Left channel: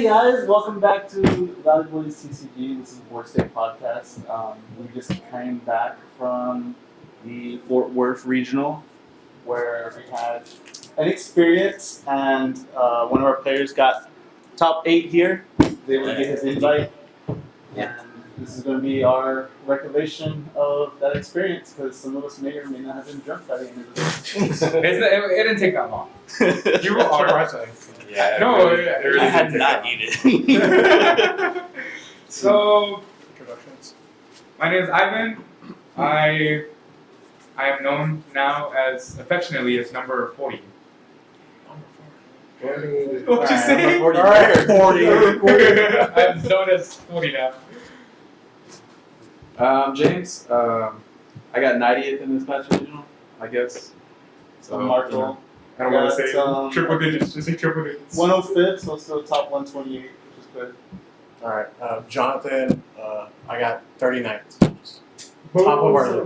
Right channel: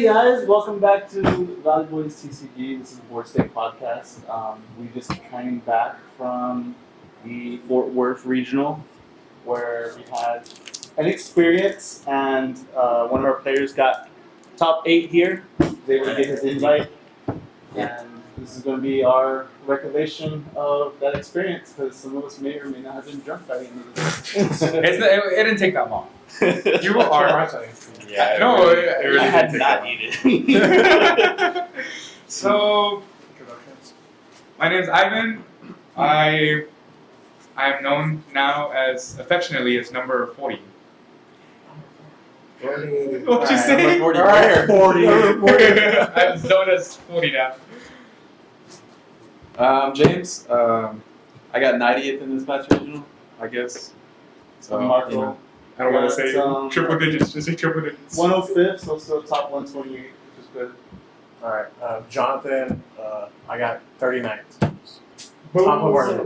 Hey guys, welcome back to Valley Boys TCG. This is the Board State Podcast. We just came back from the Fort Worth Regional where we had an experience and one of our players got top 8 here. They would get his invite. Yeah. And this is going to be our recollection of that experience because some of us may or may not have been drunk by the end of the day. It didn't take that long. You were all right, I think. Yeah, no, it really I had didn't not take eaten. So, Introductions. my name is Ivan. I am known now as affectionately as number 40. What'd you say? 40. Alright. 40. I'm known as 40 now. James, I got 90th in this match regional, I guess. So, Marco. I don't want to say Triple digits, just say triple digits. 105, so still top 128, which is good. All right, Jonathan, I got 39. Top of our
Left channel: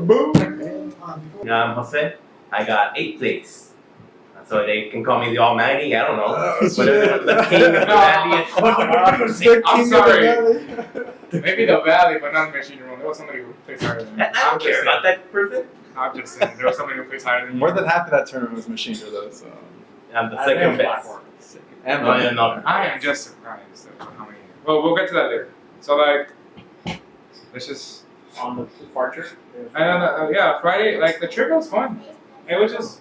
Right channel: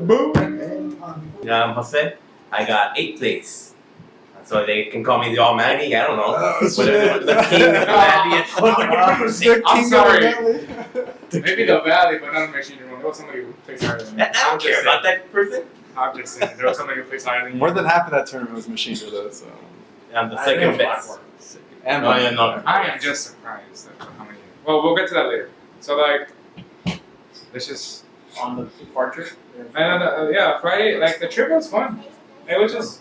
Yeah, I'm Jose. I got 8th place. So they can call me the Almighty. I don't know. Whatever they want, the king of the valley. I'm sorry. Maybe the valley, but not the machine room. There was somebody who plays higher than me. I don't care about that person. I'm just saying, there was somebody who plays higher than you. More than half of that tournament was machine though, so. I'm the second best. And No, you're not. I am just surprised at how many. Well, we'll get to that later. So, like, it's just. on the departure. And yeah, Friday, like, the trip was fun. It was just.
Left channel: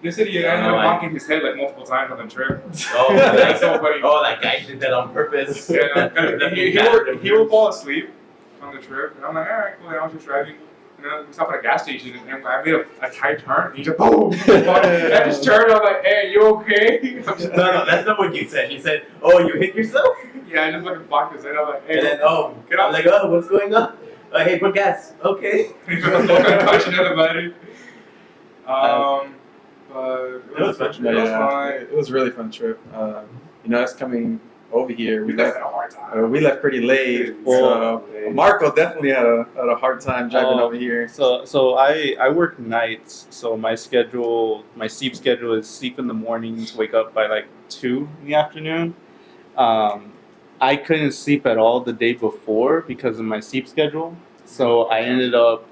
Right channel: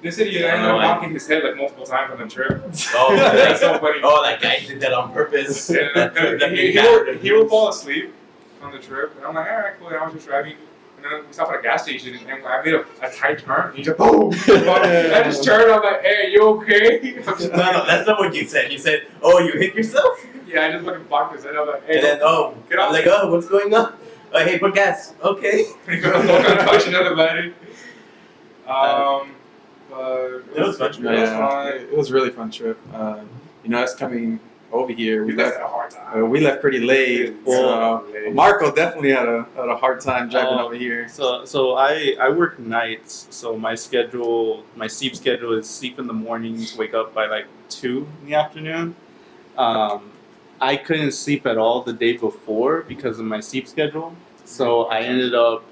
This idiot ended up knocking his head like multiple times on the trip. Oh, like, so funny. oh, that guy did that on purpose. Yeah, That he would fall asleep on the trip. And I'm like, alright, cool. I was just driving. And then we stopped at a gas station. And I made a tight turn. He just boom. I just turned. I'm like, hey, you okay? No, that's not what you said. You said, oh, you hit yourself? Yeah, I just fucking blocked his head. I'm like, hey. And then, get I'm off. like, oh, what's going on? Hey, put gas. Okay. I'm gonna touch another body. But It was fun. It was fun. It was a really fun trip. Us coming over here, We left at a hard time. we left pretty late. So Marco definitely had a hard time driving over here. So I work nights, so my sleep schedule is sleep in the mornings, wake up by like 2 in the afternoon. I couldn't sleep at all the day before because of my sleep schedule, so I ended up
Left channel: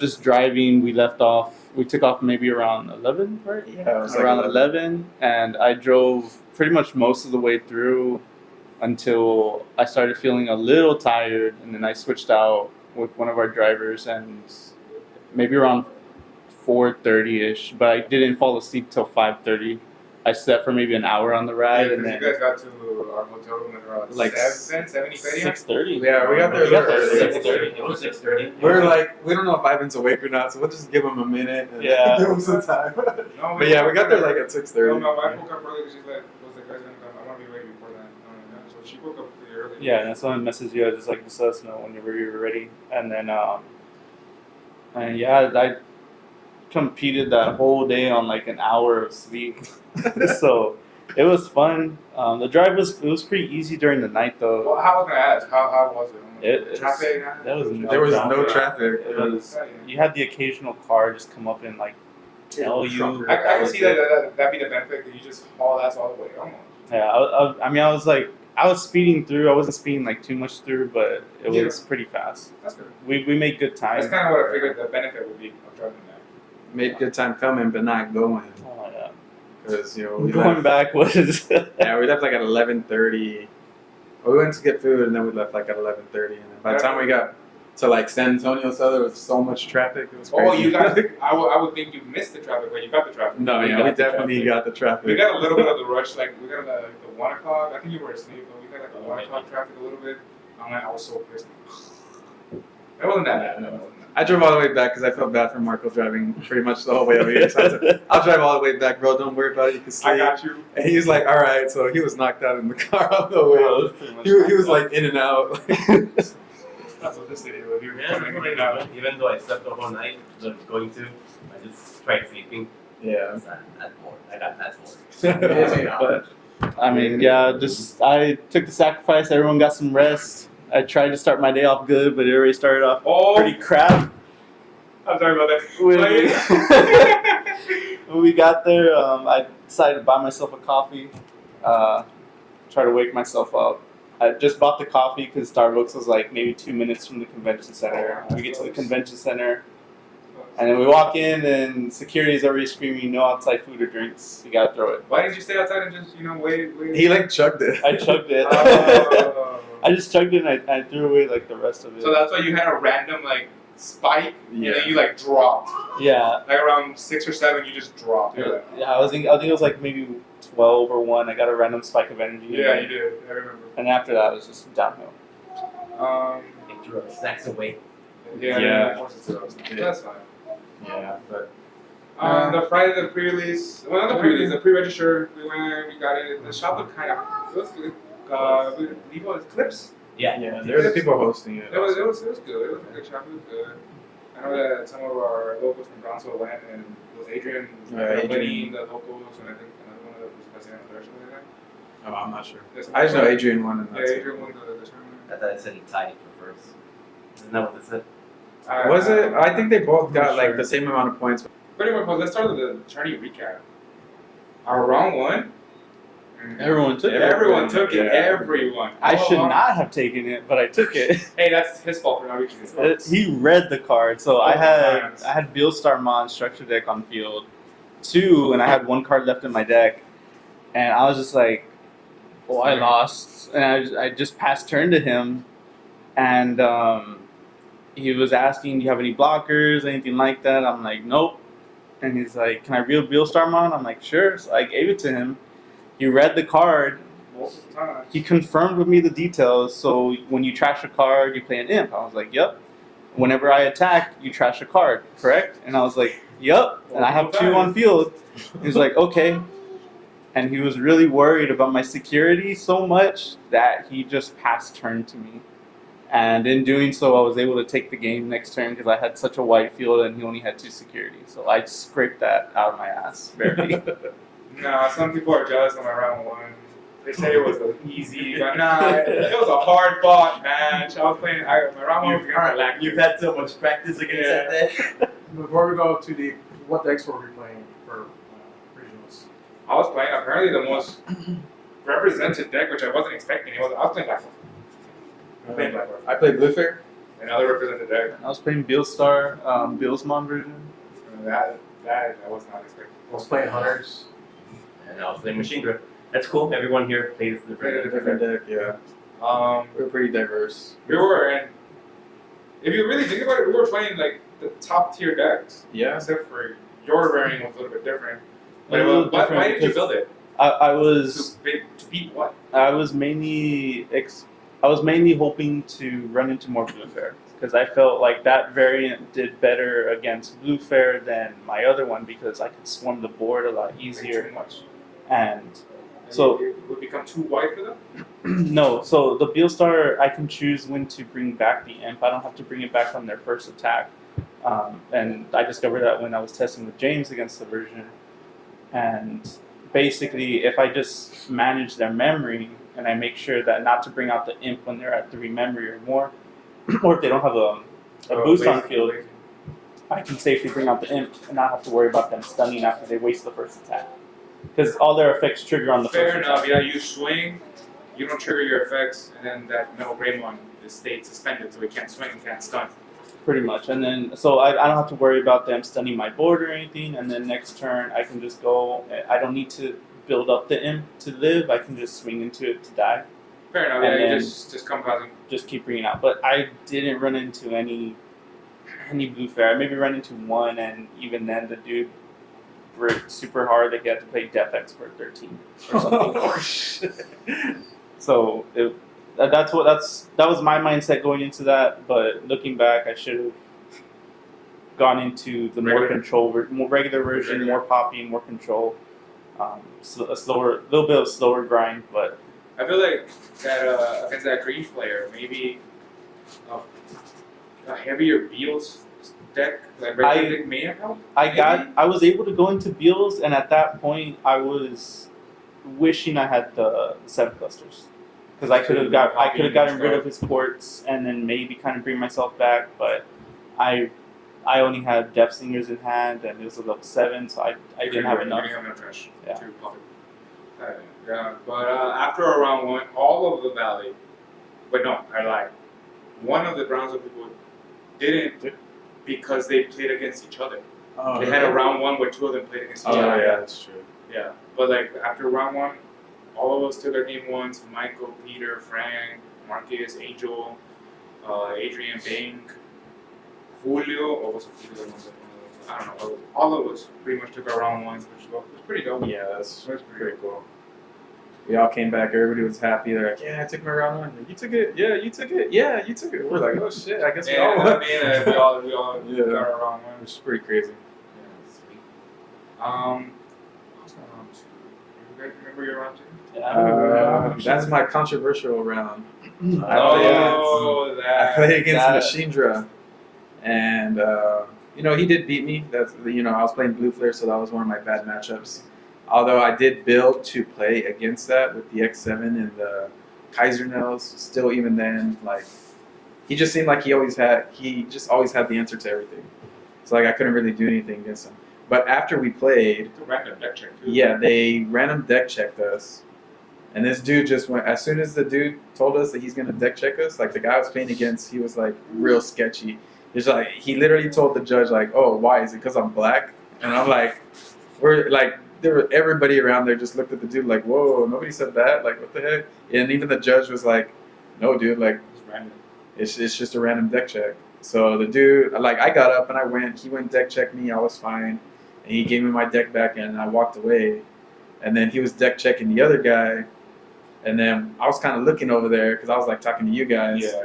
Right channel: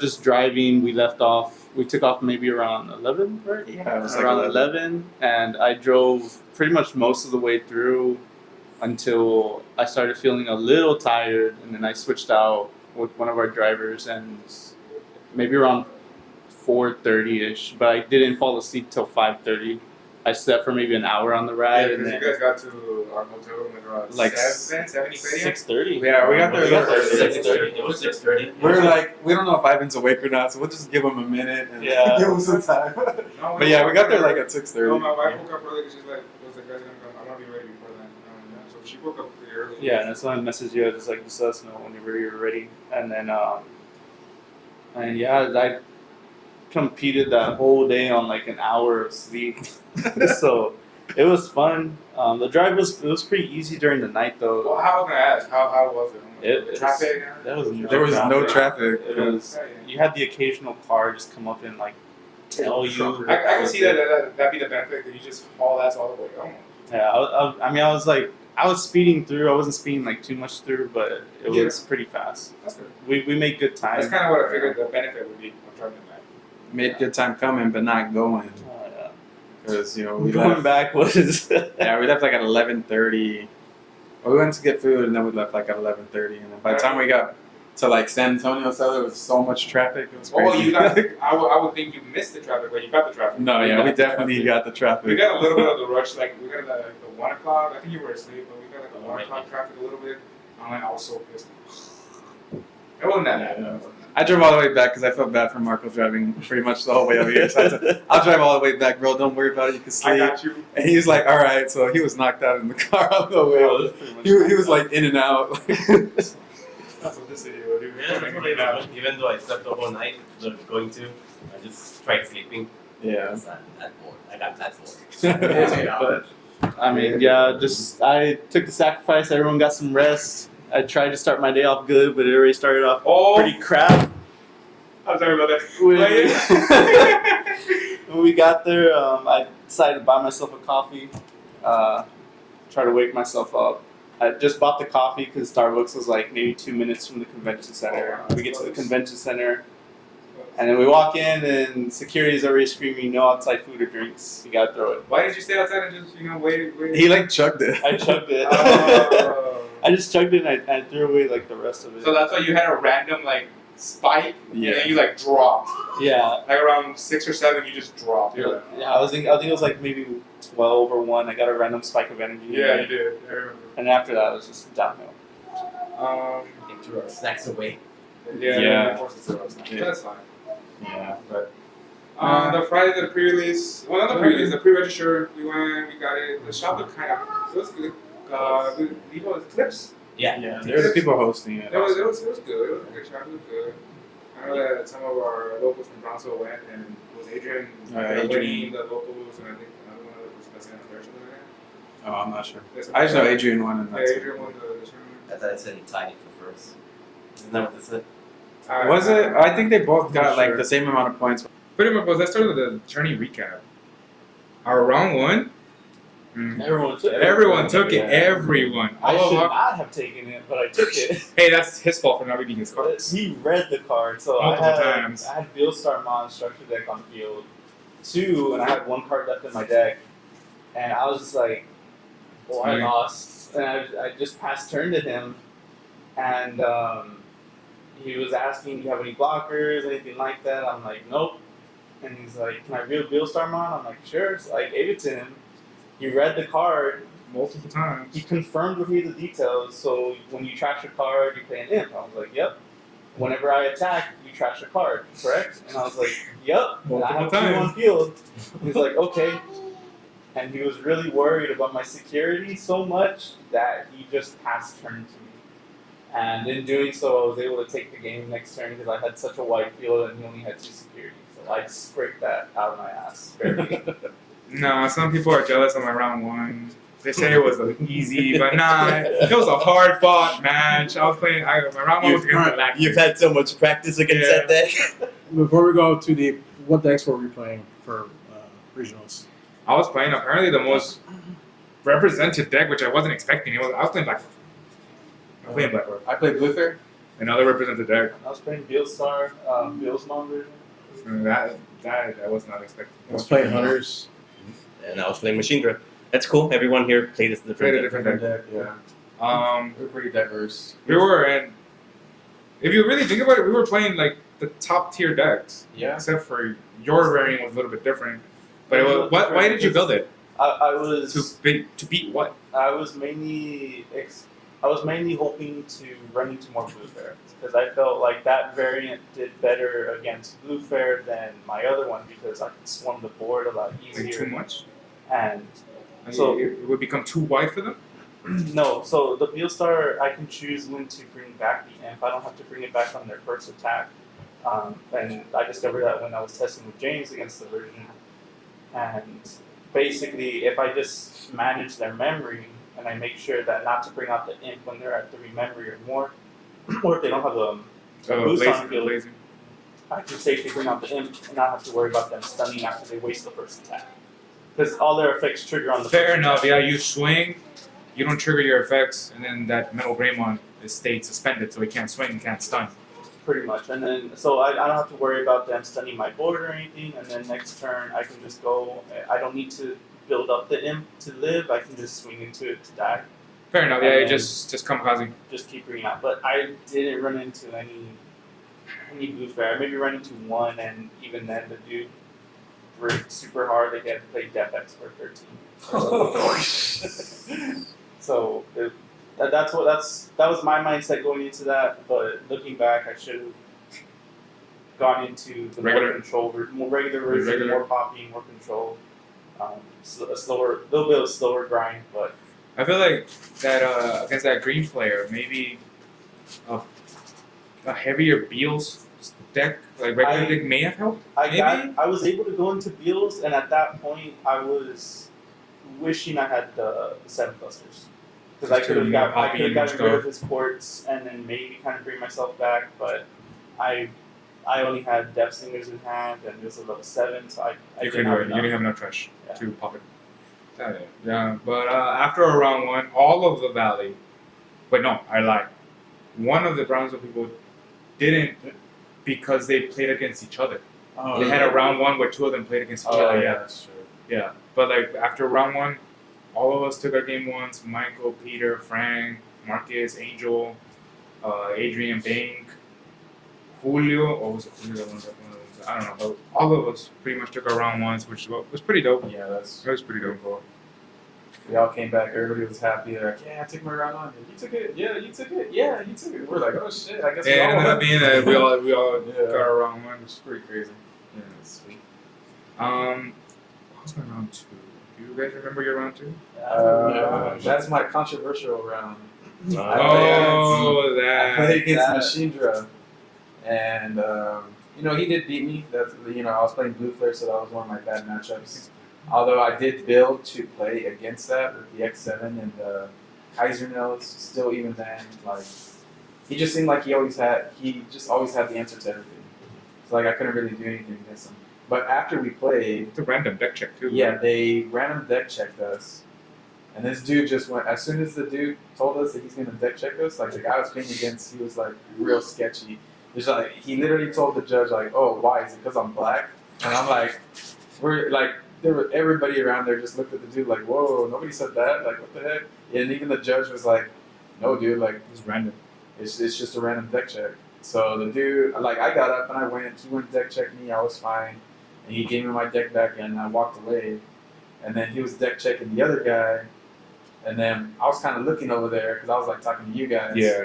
just driving. We took off maybe around 11, right? Yeah, it was Around like 11, and I drove pretty much most of the way through until I started feeling a little tired, and then I switched out with one of our drivers, and maybe around 4:30ish, but I didn't fall asleep till 5:30. I slept for maybe an hour on the ride, Yeah, and because then you guys got to our hotel room at around Like 7:30. 6:30. Yeah, we got there a little early. 6:30. It was 6:30. We were like, we don't know if Ivan's awake or not, so we'll just give him a minute and Yeah. give him some time. No, But yeah, we got there like at No, 6:30. my wife woke up early because she's like, was like, guys, I'm gonna be ready before that. So she woke up pretty early. Yeah, and that's when I messaged you. I was just like, just let us know whenever you're ready. And then, and yeah, I competed that whole day on like an hour of sleep. So it was fun. The drive was pretty easy during the night though. Well, how was I ask? How was it? It- Traffic? There was There was no traffic. It was. You had the occasional car just come up and like tell you. I can see that'd be the benefit that you just haul ass all the way home. Yeah, I mean, I was speeding through. I wasn't speeding like too much through, but it was pretty fast. That's good. We made good time. That's kind of what I figured the benefit would be of driving back. Made good time coming, but not going. Oh yeah. Because, we Going left. back was. Yeah, we left like at 11:30. We went to get food and then we left like at 11:30. And by the time we got to like San Antonio, so there was so much traffic. It was crazy. Oh, you got. I would think you missed the traffic, but you got the traffic. No, yeah, we definitely got the We traffic. got a little bit of the rush, like we got like the 1 o'clock. I think you were asleep, but we got like the Oh, 1 maybe. o'clock traffic a little bit. I was so pissed. It wasn't that bad. No. I drove all the way back because I felt bad for Marco driving pretty much the whole way over here. So I said, I'll drive all the way back, bro. Don't worry about it. You can I sleep. got you. And he was like, all right. So he was knocked out in the car on the way. He was like in and out. That's what this idiot would do. Yeah, that's what I did. Even though I slept the whole night, going to, I just tried sleeping. Yeah. I was that bored. I got that bored. But, I mean, yeah, I took the sacrifice. Everyone got some rest. I tried to start my day off good, but it already started off pretty crap. I'm sorry about that. When we got there, I decided to buy myself a coffee. try to wake myself up. I just bought the coffee because Starbucks was like maybe 2 minutes from the convention center. We get to the convention center, and then we walk in, and security is already screaming, "No outside food or drinks. You gotta throw it." Why didn't you stay outside and just wait? He like chugged it. I chugged it. Oh. I just chugged it and I threw away like the rest of it. So that's why you had a random like spike, Yeah. and then you like dropped. Yeah. Like around 6 or 7, you just dropped. You're like, Yeah, I think it was like maybe 12 or 1. I got a random spike of energy. yeah, you did. I remember. And after that, it was just downhill. They threw our snacks away. Yeah. Yeah. They forced us to throw us. Yeah. That's fine. Yeah, but The Friday the pre-release, well not the pre-release, the pre-register. We went, we got it. The shop looked kind of, it was good. We got Eclipse. Yeah. there's people hosting it. It was good. It was good. It was a good shop. It was good. I know that some of our locals from Brownsville went, and it was Adrian, Adrian. the locals, and I think another one of the president or something like that. Oh, I'm not sure. Yes, I just know Adrian won, and Yeah, that's it. Adrian won the tournament. I thought I said he tied it for first. Isn't that what they said? Was it? I think they both got Not like sure. the same amount of points. Pretty much, well, let's start with the tourney recap. Our round one. Everyone took it. Everyone took it. Yeah. Everyone. I All should along- not have taken it, but I took it. Hey, that's his fault for not reading his cards. He read the card, so I had Beelstar Mon structure deck on field 2, and I had 1 card left in my deck, and I was just like, "Oh, I lost," and I just passed turn to him, and he was asking, "Do you have any blockers, anything like that?" I'm like, "Nope," and he's like, "Can I read Beelstar Mon?" I'm like, "Sure." So I gave it to him. He read the card. Multiple times. He confirmed with me the details. So when you trash a card, you play an imp. I was like, "Yep." Whenever I attack, you trash a card, correct? And I was like, "Yep." And I have 2 Multiple on field. He was like, "Okay." And he was really worried about my security so much that he just passed turn to me. And in doing so, I was able to take the game next turn because I had such a wide field and he only had 2 security. So I scraped that out of my ass. Very. Nah, some people are jealous of my round one. They say it was easy, but nah, it was a hard fought match. I was playing. My round one was against the Lactic. You've had so much practice against that deck. Before we go to what decks were we playing for regionals? I was playing apparently the most represented deck, which I wasn't expecting. I was playing Blackboard. I was playing Blackboard. I played Luther. Another represented deck. I was playing Beelstar, Beelsmon version. And that I was not expecting. I was playing Hunters. And I was playing Machine Gun. That's cool. Everyone here played a Played a different deck. different Different deck, yeah. We were pretty diverse. We were, and if you really think about it, we were playing like the top tier decks. Yeah. Except for your variant was a little bit different. But A little different why did you because build it? I was To beat what? I was mainly hoping to run into more Blue Fair because I felt like that variant did better against Blue Fair than my other one because I could swarm the board a lot Like easier. too much? And So So- it would become too wide for them? no, so the Beelstar I can choose when to bring back the imp. I don't have to bring it back on their first attack. And I discovered that when I was testing with James against the version. And basically, if I just manage their memory and I make sure that not to bring out the imp when they're at 3 memory or more, or if they don't have a boost on field, lazy. I can safely bring out the imp and not have to worry about them stunning after they waste the first attack. Because all their effects trigger on the Fair first enough, attack. yeah, you swing, you don't trigger your effects, and then that Metal Greymon is stayed suspended, so he can't swing and can't stun. Pretty much. And then, so I don't have to worry about them stunning my board or anything. And then next turn, I can just go. I don't need to build up the imp to live. I can just swing into it to die. Fair enough, And yeah, you then- just kamikaze. Just keep bringing out. But I didn't run into any Blue Fair. I maybe run into one, and even then, the dude worked super hard to get to play Def X for 13. or something. So that was my mindset going into that. But looking back, I should have gone into the more regular version, Regular. more poppy, more control. A little bit of slower grind, but I feel like that against that green player, maybe a heavier Beals deck, like regular deck may have helped. I was able to go into Beals, and at that point, I was wishing I had the 7 clusters because I could have gotten rid of his ports and then maybe kind of bring myself back. But I only had Depth Singers in hand, and it was a level 7, so I You didn't have enough. didn't have enough trash Yeah. to pop it. Yeah, but after round one, all of the valley. But no, I lied. One of the Brownsville people didn't because they played against each other. Oh, They had a round one where two of them played against each Oh other. yeah, that's true. Yeah, but like after round one, all of us took our game ones. Michael, Peter, Frank, Marcus, Angel, Adrian, Bank, Julio, or was it Julio? I don't know, but all of us pretty much took our round ones, which was pretty dope. Yeah, that's It was pretty dope. cool. We all came back. Everybody was happy. They're like, "Yeah, I took my round one. You took it. Yeah, you took it. Yeah, you took it." We're like, "Oh shit! I guess we Yeah, all and won." then being that we all Yeah. got our round one. Which is pretty crazy. Yeah, sweet. What was my round two? You guys remember your round two? That's my controversial round. I That. played against that- Machindra, and he did beat me. That's I was playing Blue Flare, so that was one of my bad matchups. Although I did build to play against that with the X7 and the Kaiser Nails. Still, even then, like he just seemed like he just always had the answer to everything. So like I couldn't really do anything against him. But after we played, It's a random deck check too. yeah, they random deck checked us. And this dude just went, as soon as the dude told us that he's going to deck check us, like the guy I was playing against, he was like real sketchy. He's like, he literally told the judge, like, "Oh, why? Is it because I'm black?" And I'm like, everybody around there just looked at the dude like, "Whoa, nobody said that. Like, what the heck?" And even the judge was like, "No, dude, like, It's random. it's just a random deck check." So the dude, like, I got up and I went, he went deck check me, I was fine. And he gave me my deck back and I walked away. And then he was deck checking the other guy. And then I was kind of looking over there because I was like talking to you guys. Yeah.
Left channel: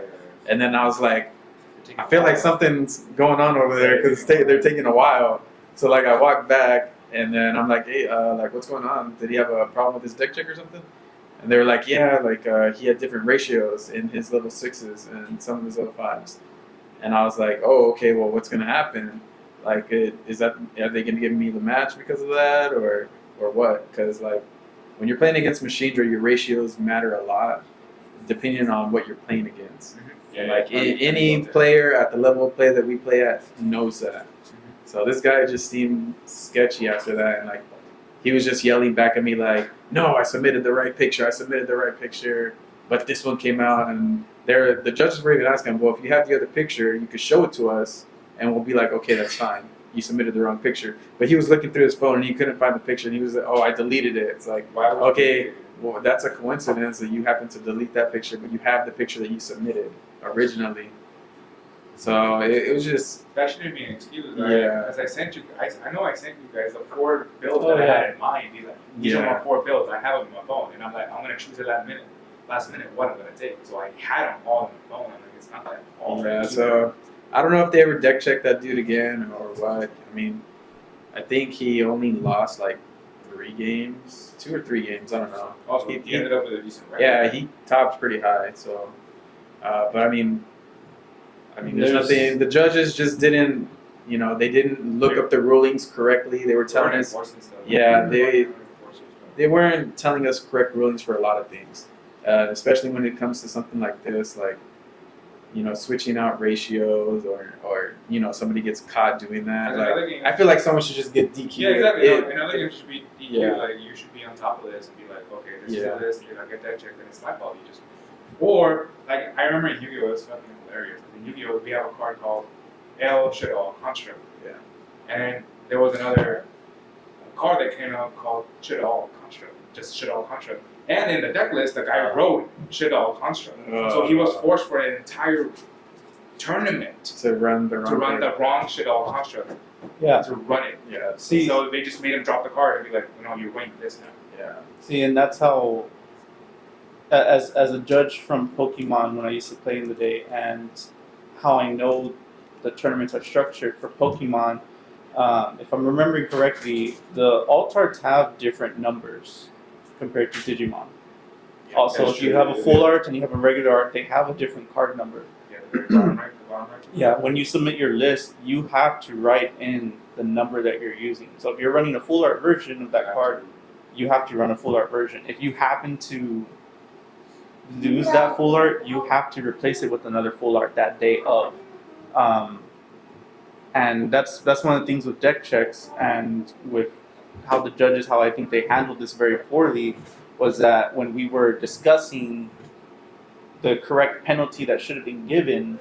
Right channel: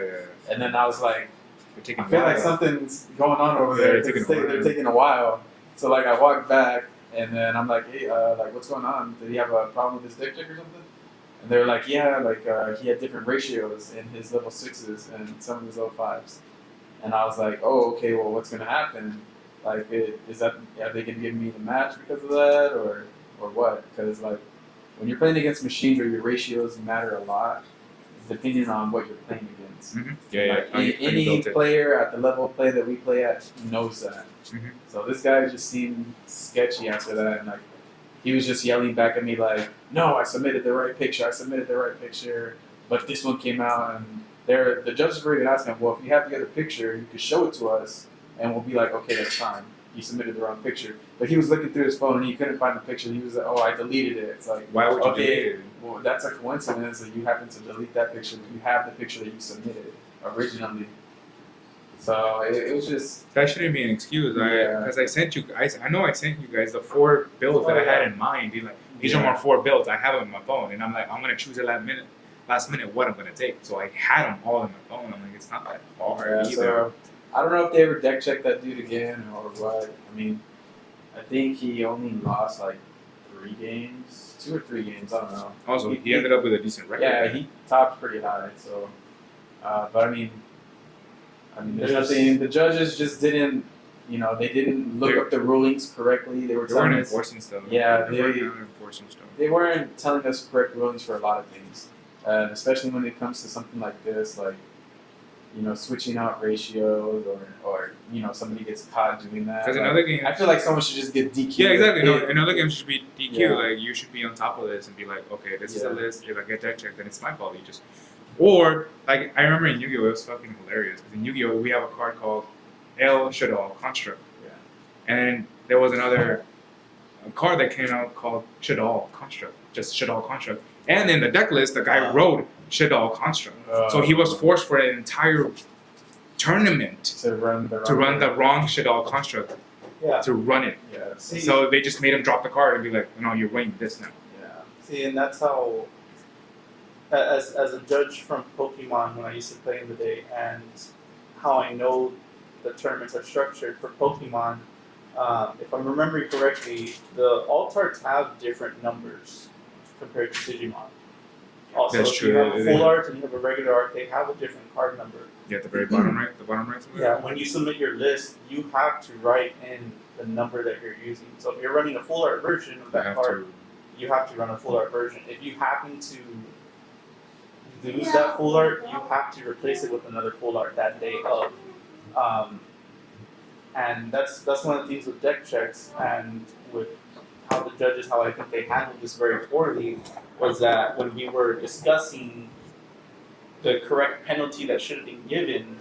And then I was like, We're taking I feel a like while. something's going on over there Yeah, because taking a they're while. taking a while. So like I walked back and then I'm like, "Hey, like what's going on? Did he have a problem with his deck check or something?" And they were like, "Yeah, like he had different ratios in his level 6s and some of his level 5s." And I was like, "Oh, okay. Well, what's gonna happen? Like, are they gonna give me the match because of that, or what? Because like, when you're playing against Machindra, your ratios matter a lot, depending on what you're playing against. Mm-hmm. Like any player at the level of play that we play at knows that. Mhm. So this guy just seemed sketchy after that, and like, he was just yelling back at me like, "No, I submitted the right picture. I submitted the right picture, but this one came out and." The judges were even asking him, "Well, if you have the other picture, you could show it to us, and we'll be like, okay, that's fine. You submitted the wrong picture." But he was looking through his phone and he couldn't find the picture, and he was like, "Oh, I deleted it." It's like, Why would you okay, delete it? well, that's a coincidence that you happen to delete that picture, but you have the picture that you submitted originally. So it was just, That shouldn't be an excuse. Yeah. Because I sent you guys. I know I sent you guys the 4 builds that I had in mind. Be like, these are Yeah. my 4 builds. I have them in my phone, and I'm like, I'm gonna choose at last minute what I'm gonna take. So I had them all in my phone. I'm like, it's not that hard. yeah. either. So I don't know if they ever deck checked that dude again or what. I mean, I think he only lost like 3 games, 2 or 3 games. I don't know. Also, He- he ended up with a decent record. Yeah, he tops pretty high. So, but I mean, there's nothing. The judges just didn't, they didn't look up the rulings correctly. They were They telling weren't us, enforcing stuff. Yeah, They they- weren't enforcing stuff. they weren't telling us correct rulings for a lot of things, especially when it comes to something like this, like, switching out ratios or somebody gets caught doing that. Because Like, another game. I feel like someone should just get DQ. Yeah, exactly. No, another game should be DQ. Yeah. Like, you should be on top of this and be like, okay, this is Yeah. the list. You're gonna get that checked, then it's my fault. You just, or like I remember in Yu-Gi-Oh, it was fucking hilarious. Because in Yu-Gi-Oh, we have a card called El Shadal Construct. Yeah. And there was another card that came out called Shadal Construct, just Shadal Construct. And in the deck list, the guy wrote Shadal Construct. So he was forced for an entire tournament to run the wrong to run thing. the wrong Shadal Construct. Yeah. To run it. Yeah. See, So they just made him drop the card and be like, no, you're winning this now. Yeah. See, and that's how, as a judge from Pokemon when I used to play in the day, and how I know the tournaments are structured for Pokemon, if I'm remembering correctly, the Altards have different numbers compared to Digimon. Also, that's if you true. have a full art and you have a regular art, they have a different card number. Yeah, at the very bottom right, Yeah, when you submit your list, you have to write in the number that you're using. So if you're running a full art version of that card, you have to run a full art version. If you happen to lose that full art, you have to replace it with another full art that day of. And that's one of the things with deck checks and with how the judges, how I think they handled this very poorly, was that when we were discussing the correct penalty that should have been given,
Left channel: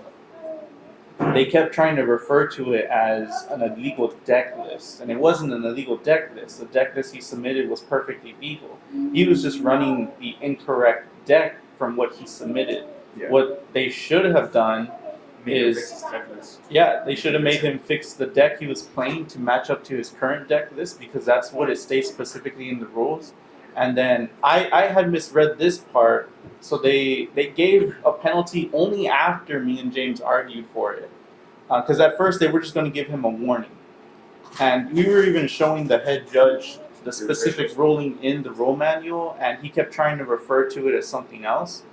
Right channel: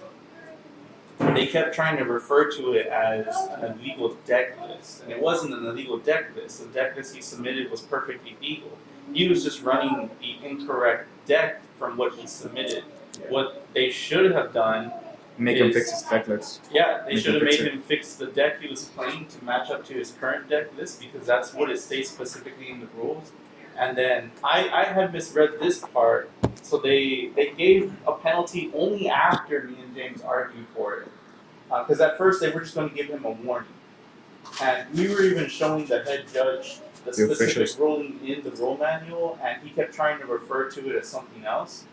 they kept trying to refer to it as an illegal deck list, and it wasn't an illegal deck list. The deck list he submitted was perfectly legal. He was just running the incorrect deck from what he submitted. Yeah. What they should have done, Make him is- fix his deck list. yeah, they Make should him have fix made him fix the deck he was playing to match up to his current deck list, because that's what it states specifically in the rules. And then I had misread this part, so they gave a penalty only after me and James argued for it. Because at first they were just going to give him a warning. And we were even showing the head judge the specific officials. ruling in the rule manual, and he kept trying to refer to it as something else.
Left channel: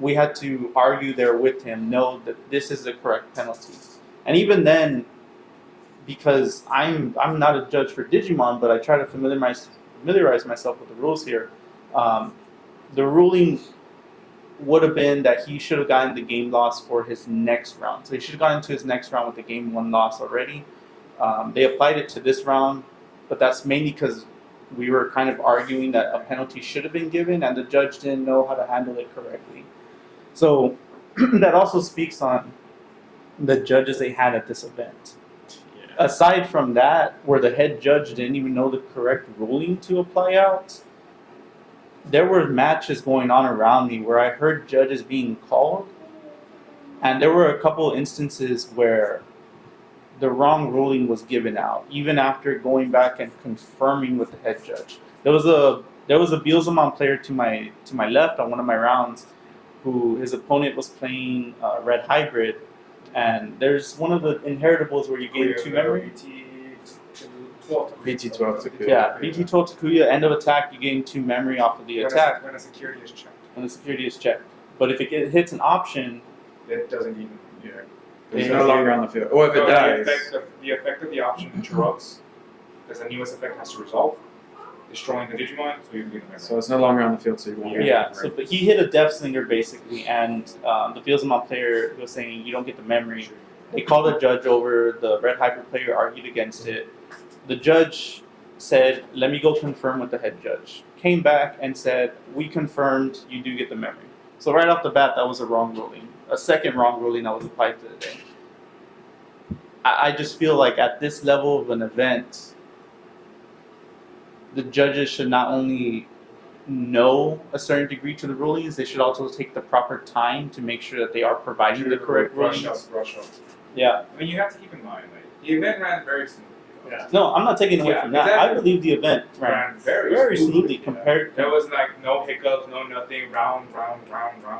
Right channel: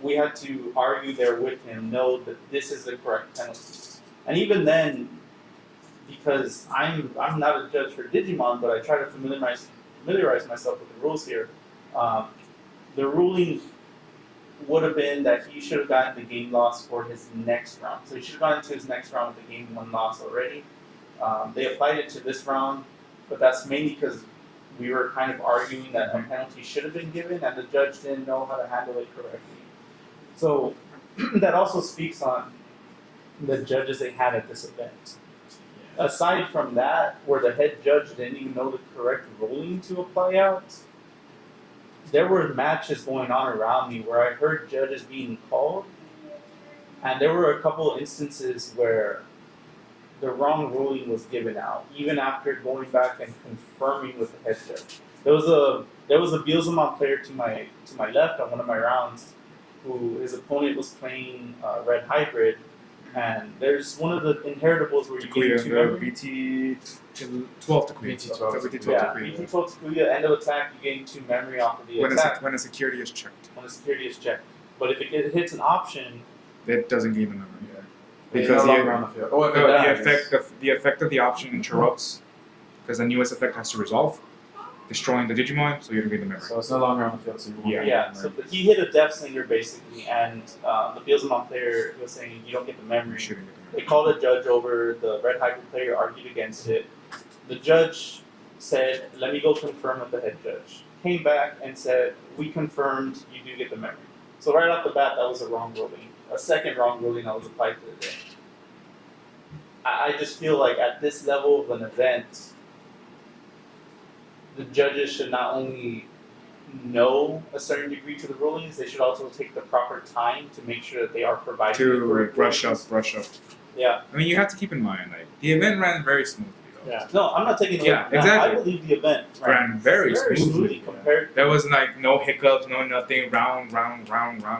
We had to argue there with him, know that this is the correct penalty. And even then, because I'm not a judge for Digimon, but I try to familiarize myself with the rules here. The ruling would have been that he should have gotten the game loss for his next round. So he should have gotten into his next round with the game 1 loss already. They applied it to this round, but that's mainly because we were kind of arguing that a penalty should have been given, and the judge didn't know how to handle it correctly. So that also speaks on the judges they had at this event. Aside from that, where the head judge didn't even know the correct ruling to apply out, there were matches going on around me where I heard judges being called, and there were a couple instances where the wrong ruling was given out, even after going back and confirming with the head judge. There was a Beelzemon player to my left on one of my rounds, who his opponent was playing Red Hybrid, and there's one of the inheritables where you gain 2 memory. BT 12 to BT 12 to Kuya. Yeah, BT 12 to Kuya, end of attack, you gain 2 memory off of the attack When a security is checked, when the security is checked. But if it hits an option, it doesn't give him the memory. It's Because no longer on the field. Oh, if it No, dies. the effect of the option interrupts because the newest effect has to resolve, destroying the Digimon, so you don't get the memory. So it's no longer on the field, so you won't. yeah. get it, So, right? but he hit a Death Slinger basically, and the Beelzemon player was saying you don't get the memory. Shooting. They called a judge over. The Red Hybrid player argued against it. The judge said, "Let me go confirm with the head judge." Came back and said, "We confirmed. You do get the memory." So right off the bat, that was a wrong ruling. A second wrong ruling that was applied to the day. I just feel like at this level of an event, the judges should not only know a certain degree to the rulings, they should also take the proper time to make sure that they are providing the To correct brush rulings. up. Yeah. I mean, you have to keep in mind, like, the event ran very smoothly. Though. Yeah. No, I'm not taking away Yeah, from that. exactly. I believe the event Ran very smoothly smoothly. compared. There was like no hiccups, no nothing, round.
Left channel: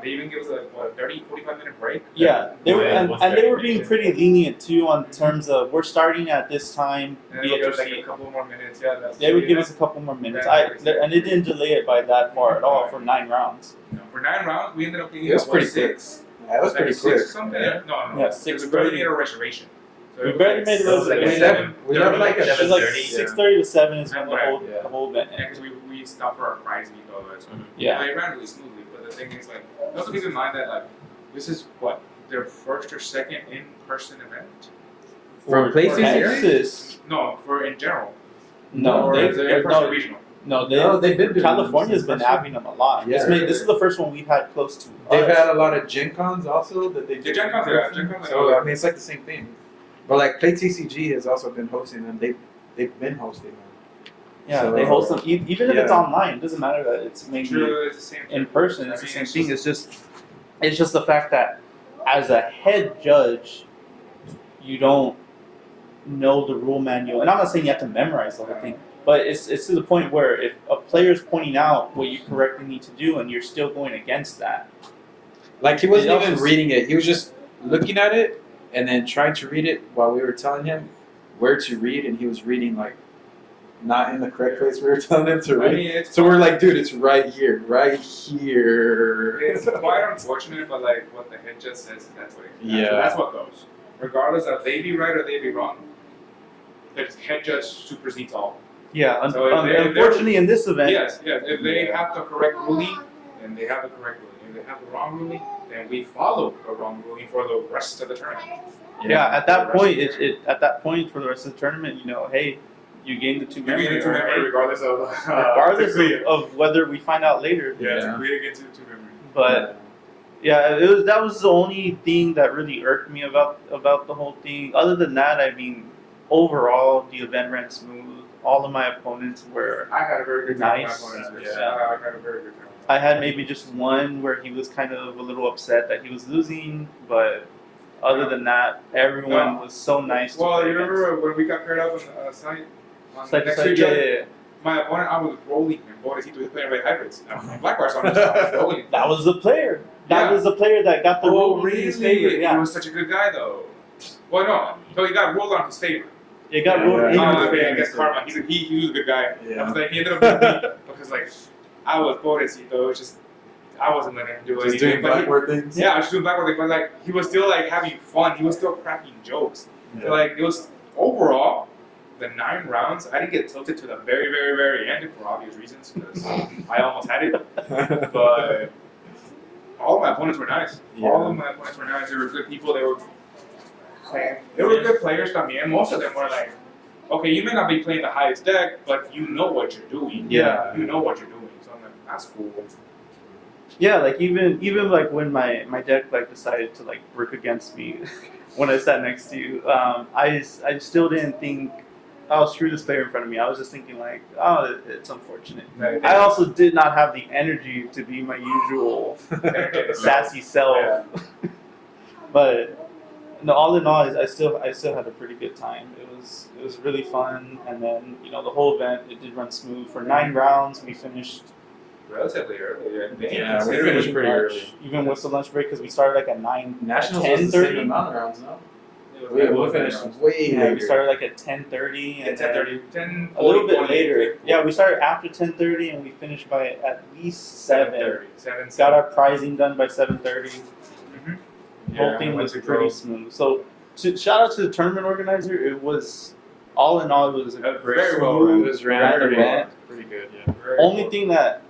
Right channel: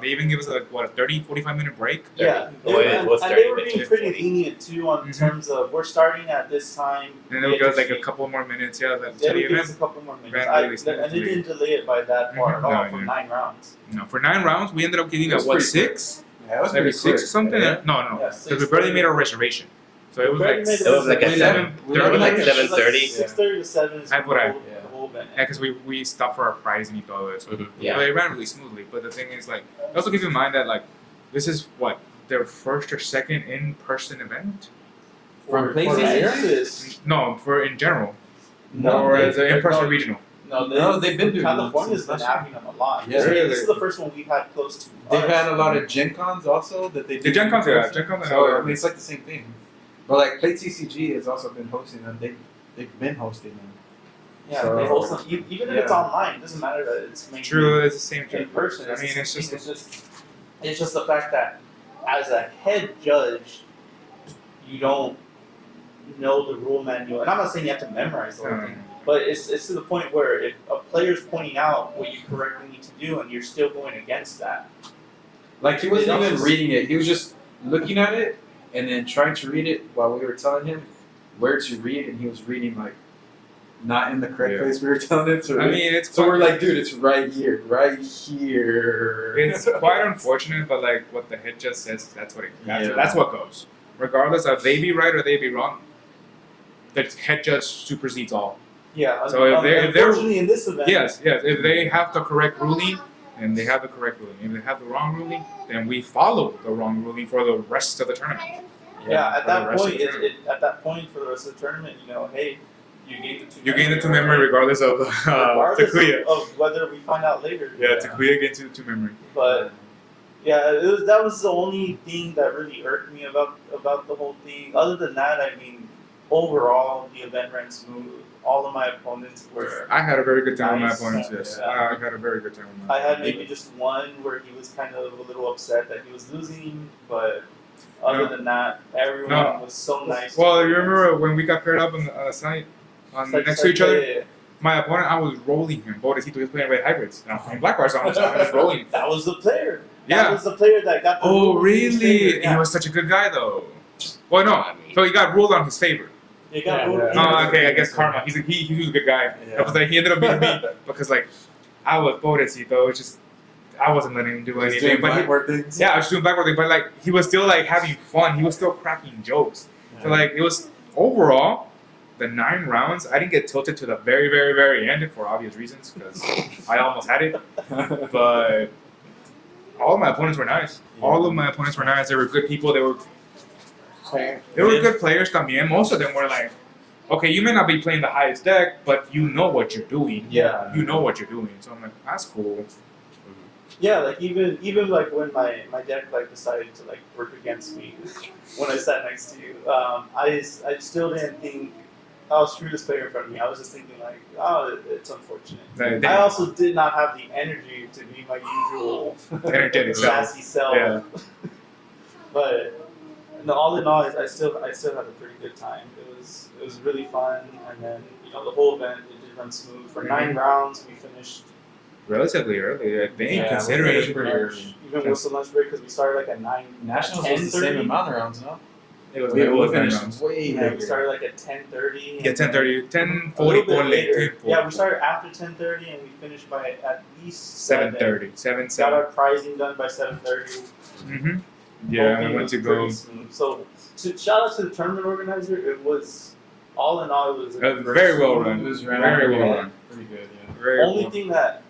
They even give us like what, a 30, 45-minute break? Yeah, they were, Well, it and, was and they were 30 being minutes. pretty lenient too on Mhm. terms of we're starting at this time. And we they'll give us like proceed. a couple more minutes, yeah. They would give us a couple more minutes. ran really And they didn't delay it by that far at all No, for no. 9 rounds. No, for 9 rounds, we ended up getting It was what, pretty 6? Yeah, it was Like pretty 6 quick. or something? Yeah. No. Yeah, Because 6:30. we barely made a reservation. So it We was barely like, made It was like a We 7. never- we never like It was like 7:30. 6:30 to 7 is That's when what the I- whole, yeah. the whole event. yeah, because we stopped for our prize and all that. So Mhm. Yeah. But it ran really smoothly. But the thing is, like, also keep in mind that, like, this is what, their first or second in-person event? From For PlayStation? Texas, No, for in general. no, Or they- is it in-person no, regional? no, they've been doing California's some been special. having them a lot. Yeah. This is the first one we've had close to. They've us. had a lot of Gen Cons also that they do. The Gen Cons, in yeah, person. Gen Cons, So yeah. I mean, it's like the same thing. But like Play TCG has also been hosting them. They've been hosting them. Yeah, So- they host them. Even if it's Yeah. online, it doesn't matter that it's maybe True, it's the same in thing. person. I It's the mean, same it's thing. just- It's just the fact that as a head judge, you don't know the rule manual. And I'm not saying you have to memorize the whole thing, but it's to the point where if a player's pointing out what you correctly need to do and you're still going against that, Like he wasn't It also even s- reading it. He was just looking at it and then trying to read it while we were telling him where to read, and he was reading like not in the correct Yeah. place we were telling him to I read. mean, it's So we're like, dude, it's right here, right here. It's quite unfortunate, but like what the head judge says, that's what Yeah. that's what goes. Regardless of they be right or they be wrong, the head judge supersedes all. yeah. So if they're- unfortunately, in this event, Yes. If they Yeah. have the correct ruling, then they have the correct ruling. If they have the wrong ruling, then we follow the wrong ruling for the rest of the tournament. yeah, at for the that rest of point, the at that point for the rest of the tournament, hey, You gain the two. You gain the 2 memory regardless of regardless Takuya. of whether we find out later. Yeah, Yeah. Takuya gets the 2 memory. But yeah, that was the only thing that really irked me about the whole thing. Other than that, I mean, overall the event ran smooth. All of my opponents were. I had a very good time Nice. with my opponents. Yes. Yeah. I had a very good time with my I had maybe just one where he was kind of a little upset that he was losing, but other than that, everyone was so nice. to Well, me. you remember when we got paired up on tonight, It's like- next it's to like, each other? yeah. My opponent, I was rolling him. Bodecito was playing red hybrids. And I'm playing black bars, so I'm just rolling. That was the player. Yeah. That was the player that got the Oh, rule in his favor. really? Yeah. He was such a good guy, though. Well, no. So he got ruled on his favor. It got Yeah, ruled yeah. in Oh, his okay, I favor. guess karma. He was a good guy. Yeah. I was like, he ended up beating me because, like, I was Bodecito. It's just, I wasn't letting him do Just anything. doing But he, blackboard things. yeah, I was doing backward thing, but, like, he was still, like, having fun. He was still cracking jokes. So, like, it was, overall, the 9 rounds, I didn't get tilted to the very, very, very end for obvious reasons because I almost had it. But all of my opponents were nice. All of my opponents were nice. They were good people. They were good players también. Most of them were like, okay, you may not be playing the highest deck, but you know what you're doing. Yeah. You know what you're doing. So I'm like, that's cool. Yeah, like even like when my deck like decided to like work against me when I sat next to you, I still didn't think, oh, screw this player in front of me. I was just thinking like, oh, it's unfortunate. I also did not have the energy to be my usual Energetic self. sassy self. Yeah. But no, all in all, I still had a pretty good time. It was really fun, and then the whole event it did run smooth. For 9 rounds, we finished Relatively early, I think. Yeah, we considering- finished pretty early. even with the lunch break because we started like at 9. Nationals at was the same 10:30. amount of rounds, no? It was We nine finished rounds. way Yeah, we later. started like at 10:30. Yeah, 10:30, 10:40, A little bit 1 later. Yeah, we started after 10:30 and we finished by at least 7. 7:30. 7. Got our prizing done by 7:30. Mm-hmm. Whole Yeah, I thing went was to go. pretty smooth. So shout out to the tournament organizer. It was all in all, it was a Very well run. It was ran Very pretty well. good. Pretty good, yeah. Very Only cool. thing that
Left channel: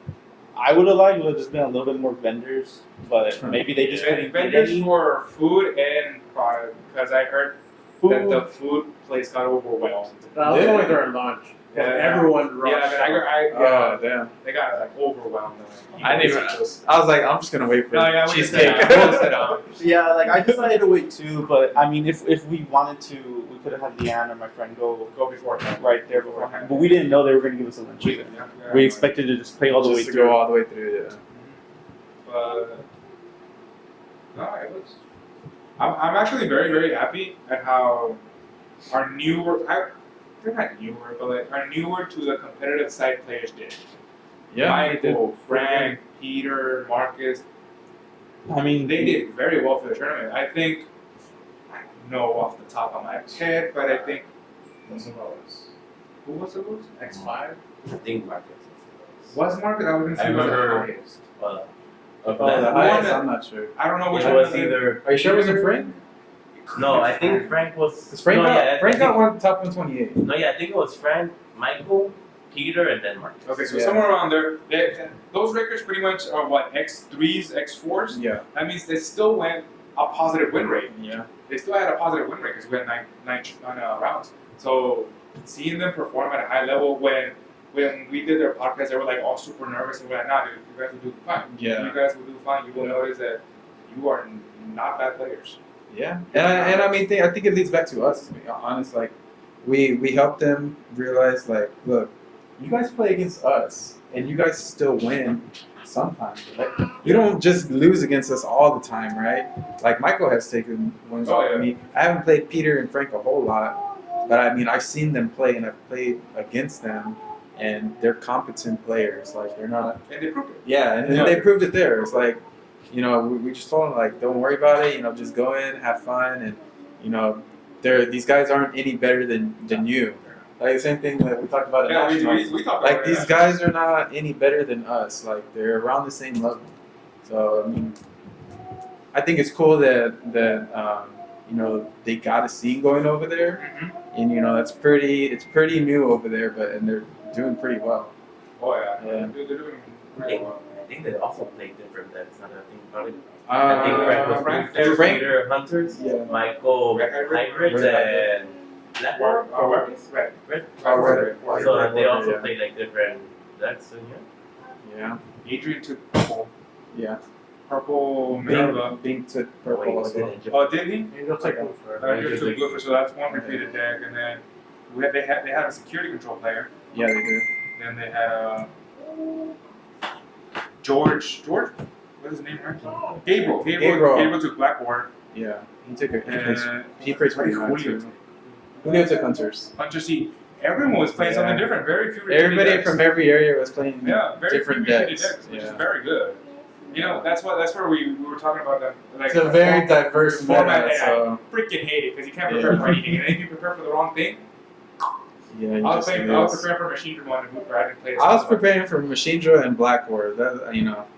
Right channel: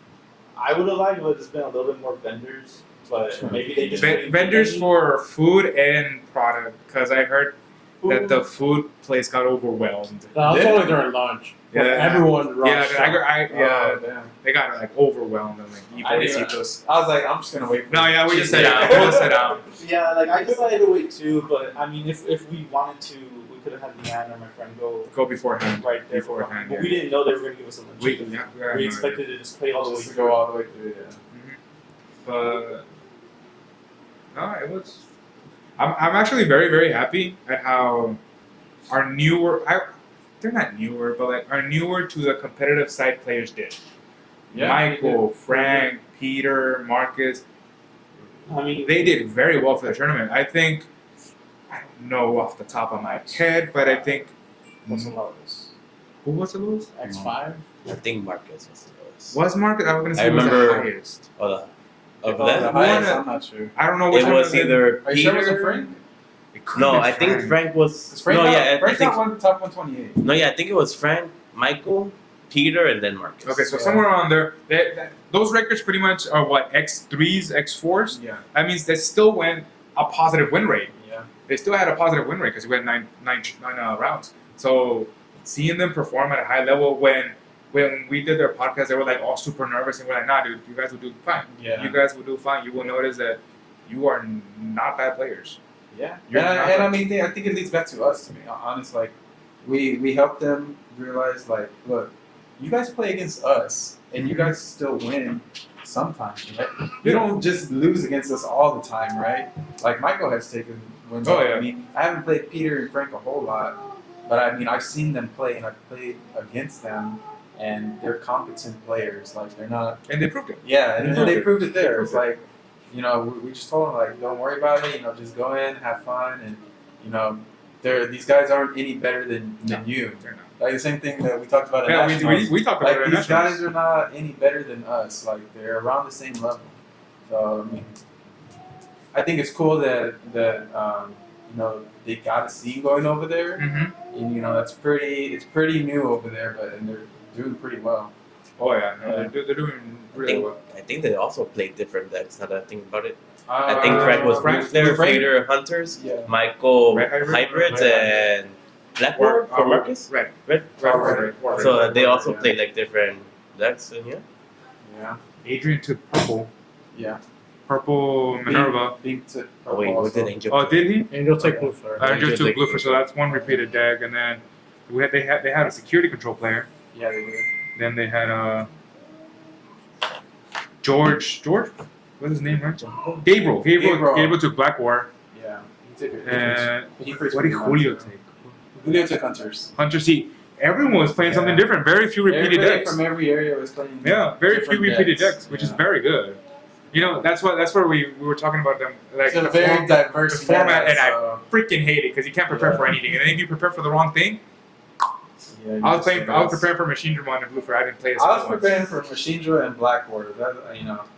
I would have liked would have just been a little bit more vendors, but maybe they just didn't get Vendors any. for food and product, because I heard Food. that the food place got overwhelmed. That was Yeah. only during lunch. Yeah. Everyone rushed. Oh, damn. they got like overwhelmed. And, like, I didn't even. I was like, I'm just gonna wait for No, it. yeah, we She just said- sit down. We'll sit down. Yeah, like I decided to wait too, but I mean, if we wanted to, we could have had Leanne or my friend go Go beforehand. right there Beforehand, But yeah. we didn't know they were going to give us a lunch. We expected to just play all the way Just to through. go all the way through, yeah. But no, it was. I'm actually very, very happy at how our newer. They're not newer, but like our newer to the competitive side players did. Yeah, they did. Michael, Frank, Peter, Marcus. I mean, They did very well for the tournament. I think. I don't know off the top of my head, but I think. What's the lowest? Who was the lowest? X5? I think Marcus was the lowest. Was Marcus? I was gonna say I he was the remember- highest. Of Oh, that? the highest, I'm not sure. I don't know which It one was it. either. Are you sure it wasn't Peter- Frank? It could've No, been I think Frank was. Because Frank no, got, yeah, I Frank think, got top 128. No, yeah, I think it was Frank, Michael, Peter, and then Marcus. Okay, so Yeah. somewhere around there, those records pretty much are what, X3s, X4s? Yeah. That means they still went a positive win rate. Yeah. They still had a positive win rate because we had nine rounds. So seeing them perform at a high level when we did their podcast, they were like all super nervous and we're like, nah, dude, you guys will do fine. Yeah. You guys will do fine. You will notice that you are not bad players. Yeah. You're And I not- mean, I think it leads back to us, to be honest. Like, we help them realize, like, look, you guys play against us, and you guys still win sometimes, right? You don't just lose against us all the time, right? Like, Michael has taken wins Oh, off yeah. of me. I haven't played Peter and Frank a whole lot, but I mean, I've seen them play, and I've played against them, and they're competent players. Like, they're not. And they proved it. Yeah, and Yeah. they proved it there. It's like, we just told them, like, don't worry about it. Just go in, have fun, and these guys aren't any better than you. They're not. Like the same thing that we talked about in Yeah, Nationals. we talked about Like it. these guys are not any better than us. Like they're around the same level. So I mean, I think it's cool that they got a scene going over there, Mm-hmm. and it's pretty new over there, and they're doing pretty well. Oh, yeah. Yeah. They're doing really well. I think they also played different decks. Now that I think about it, I I think Frank was Frank- Roof there, Frank- Peter Hunters, Yeah. Michael Red Hybrid? Hybrids, Red and Black War for Marcus? Red. Red? Red. So they also yeah. played like different decks in here? Yeah. Adrian took purple. Yeah. Purple Minerva. Beam took Oh, purple wait, what also. did Angel? Oh, did he? And you'll take blue flare. I Angel just took took- blue for, so that's one repeated deck, and then they had a security control player. Yeah, they do. Then they had George, what's his name, right? Gabriel took Black War, Yeah. He took a and he plays what did pretty well, Julio too. take? Julio took Hunters. Hunter C. Everyone was playing something Yeah. different. Very few repeated Everybody decks. from every area was playing. Yeah, very few different repeated decks, which is Yeah. very good. You know, that's where we were talking about them. Like It's a the very diverse the format, meta, and so I freaking hate it because you can't prepare Yeah. for anything. And then if you prepare for the wrong thing, yeah. you I was just lose. preparing for Machine Dramon and Blue Flare. I didn't play this. I was one. preparing for Machine Draw and Black War. That